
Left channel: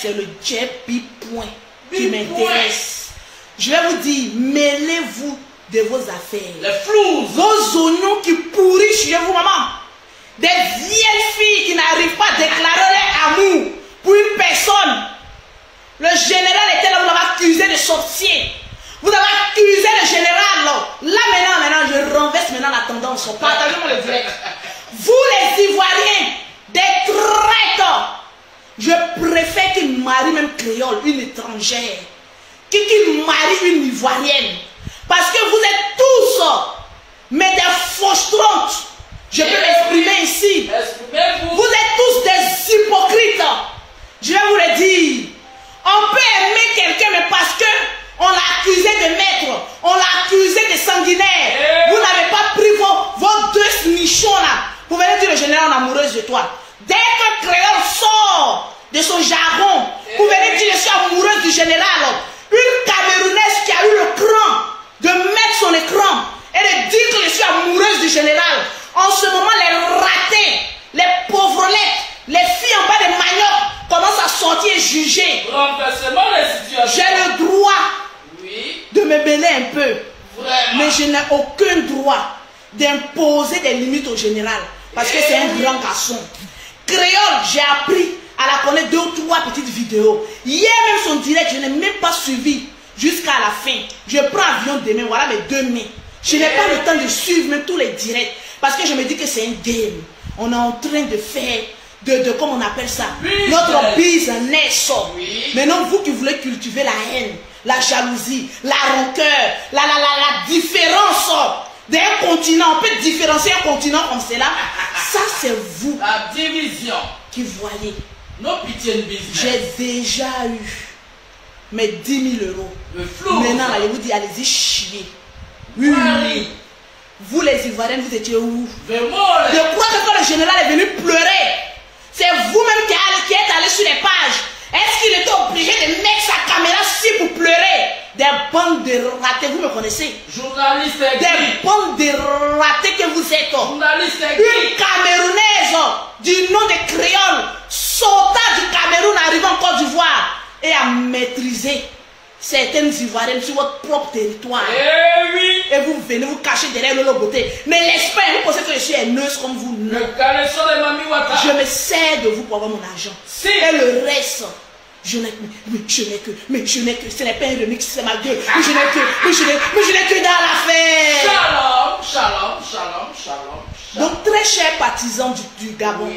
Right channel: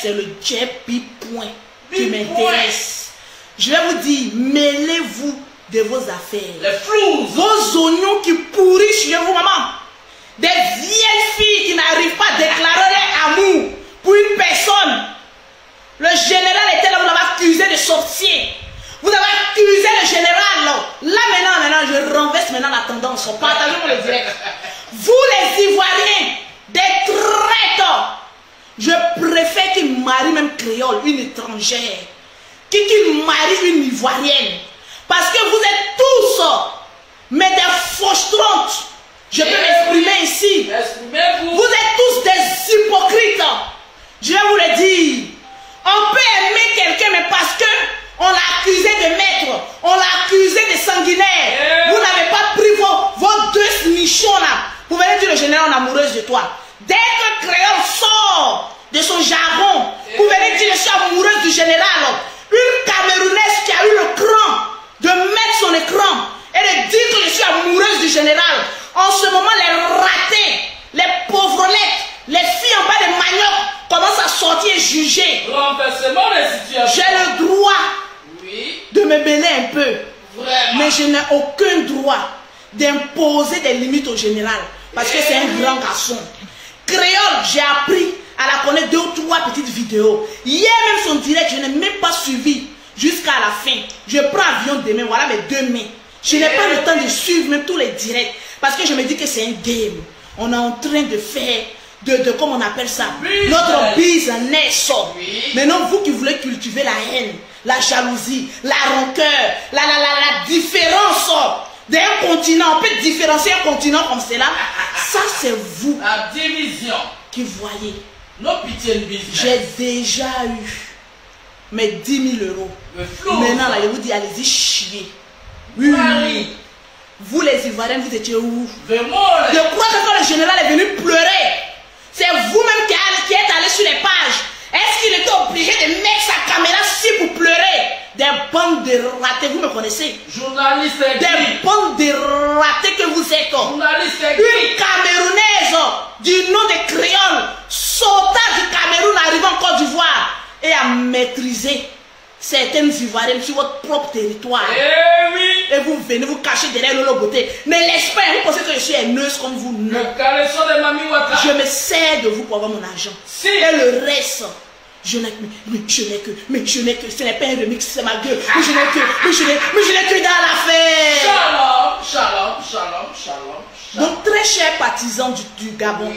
C'est le jet point qui m'intéresse. Je vais vous dire, mêlez-vous de vos affaires. Vos oignons qui pourrissent chez vous, maman. Des vieilles filles qui n'arrivent pas à déclarer leur amour pour une personne. Le général était là, vous l'avez accusé de sorcier. Vous avez accusé le général là. Là maintenant, je renverse maintenant la tendance. Partagez-moi le direct. Vous les Ivoiriens, des traîtres. Je préfère qu'ils marient même créole, une étrangère, qu'ils marient une Ivoirienne. Parce que vous êtes tous, mais des fausses-trontes. Je peux l'exprimer ici. Vous êtes tous des hypocrites. Je vais vous le dire. On peut aimer quelqu'un, mais parce que on l'a accusé de maître, on l'a accusé de dois. Dès qu'un créole sort de son jargon, vous venez dire je suis amoureuse du général. Une Camerounaise qui a eu le cran de mettre son écran et de dire que je suis amoureuse du général. En ce moment, les ratés, les pauvrettes, les filles en bas de manioc commencent à sortir et juger. J'ai le droit de me mêler un peu. Vraiment. Mais je n'ai aucun droit d'imposer des limites au général. Parce que c'est un grand garçon. Créole, j'ai appris à la connaître 2 ou 3 petites vidéos. Hier même son direct, je n'ai même pas suivi jusqu'à la fin. Je prends avion demain, voilà mes 2 mai. Je n'ai pas le temps de suivre même tous les directs. Parce que je me dis que c'est un game. On est en train de faire, comment on appelle ça, notre business. Maintenant, vous qui voulez cultiver la haine, la jalousie, la rancœur, la différence d'un continent, on peut différencier un continent comme cela. Ça, c'est vous. La division. Qui voyez. No pitié business. J'ai déjà eu mes 10 000 euros. Maintenant, là, je vous dis, allez-y chier. Oui. Vous, les Ivoiriens, vous étiez où? Je crois que quand le général est venu pleurer, c'est vous-même qui êtes allé sur les pages. Est-ce qu'il était obligé de mettre sa caméra ci pour pleurer? Des bandes de ratés, vous me connaissez? Journaliste. Des bandes de ratés que vous êtes. Journaliste. Une Camerounaise du nom de Créole sauta du Cameroun arrivant en Côte d'Ivoire et a maîtrisé certaines Ivoiriennes sur votre propre territoire. Eh oui. Et vous venez vous cacher derrière le beauté. Mais l'esprit, vous pensez que je suis haineuse comme vous? Non. Je me sers de vous pour avoir mon argent. Si. Et le reste, je n'ai que, ce n'est pas un remix, c'est ma gueule. Mais je n'ai que dans l'affaire. Shalom. Donc, très chers partisans du Gabon,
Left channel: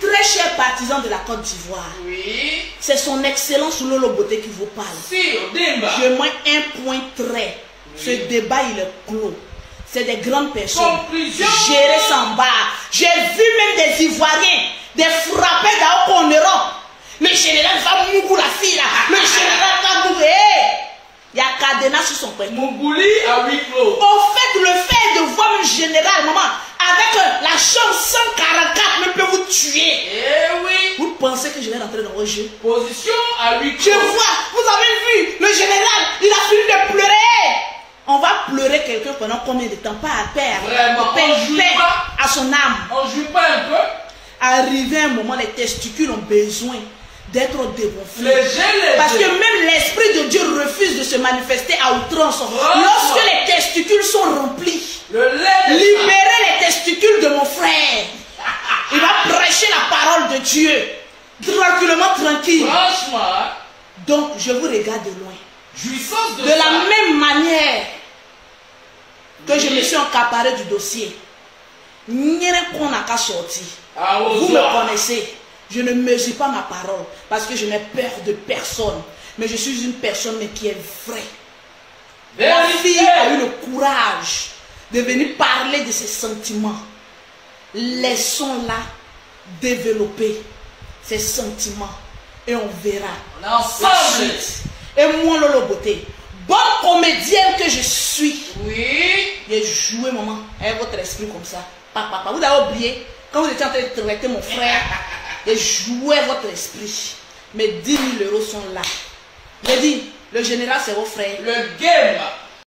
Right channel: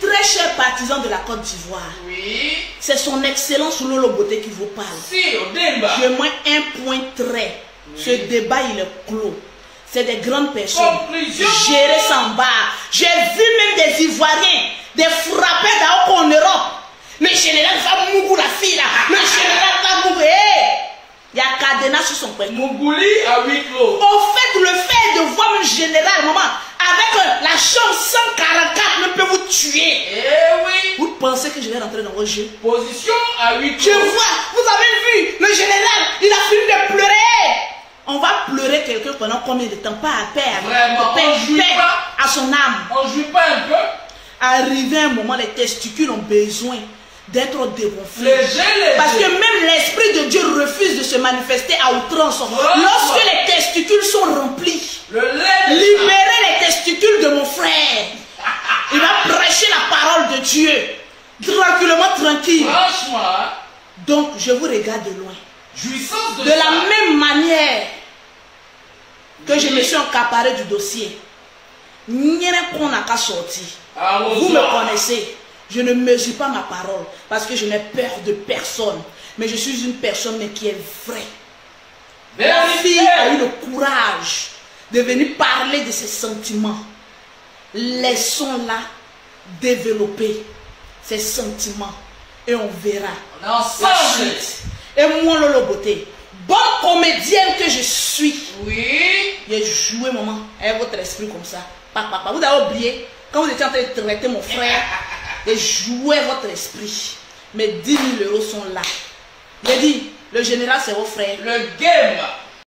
très chers partisans de la Côte d'Ivoire, c'est son excellence Lolo Beauté qui vous parle. Je mets un point très. Ce débat, il est clos. C'est des grandes personnes. Gérées sans barre. J'ai vu même des Ivoiriens, des frappés d'Aoko en Europe. Le général va mourir la fille là. Le général va mourir. Il y a Cadena sur son père. Mougouli à 8 clos. Au fait, le fait de voir le général, maman, avec la chambre 144, même peut vous tuer. Eh oui. Vous pensez que je vais rentrer dans vos jeux? Position à 8 clos. Je vois, vous avez vu, le général, il a fini de pleurer. On va pleurer quelqu'un pendant combien de temps? Pas à terre. Vraiment, on joue pas à son âme. On joue pas un peu. Arrivé un moment, les testicules ont besoin d'être dégonflés. Parce que même l'Esprit de Dieu refuse de se manifester à outrance. Lorsque les testicules sont remplis, libérez les testicules de mon frère. Il va prêcher la parole de Dieu. Tranquillement, tranquille. Franchement. Donc, je vous regarde de loin. Jouissance de la même manière que je me suis accaparé du dossier. Vous me connaissez. Je ne mesure pas ma parole parce que je n'ai peur de personne. Mais je suis une personne qui est vraie. La fille a eu le courage de venir parler de ses sentiments. Laissons-la développer ses sentiments et on verra. On est ensemble. Et moi, Lolo Beauté, bonne comédienne que je suis. Oui. J'ai joué, maman, avec votre esprit comme ça. Papa, vous avez oublié, quand vous étiez en train de traiter mon frère, j'ai joué votre esprit. Mes 10 000 euros sont là. J'ai dit, le général, c'est vos frères. Le game.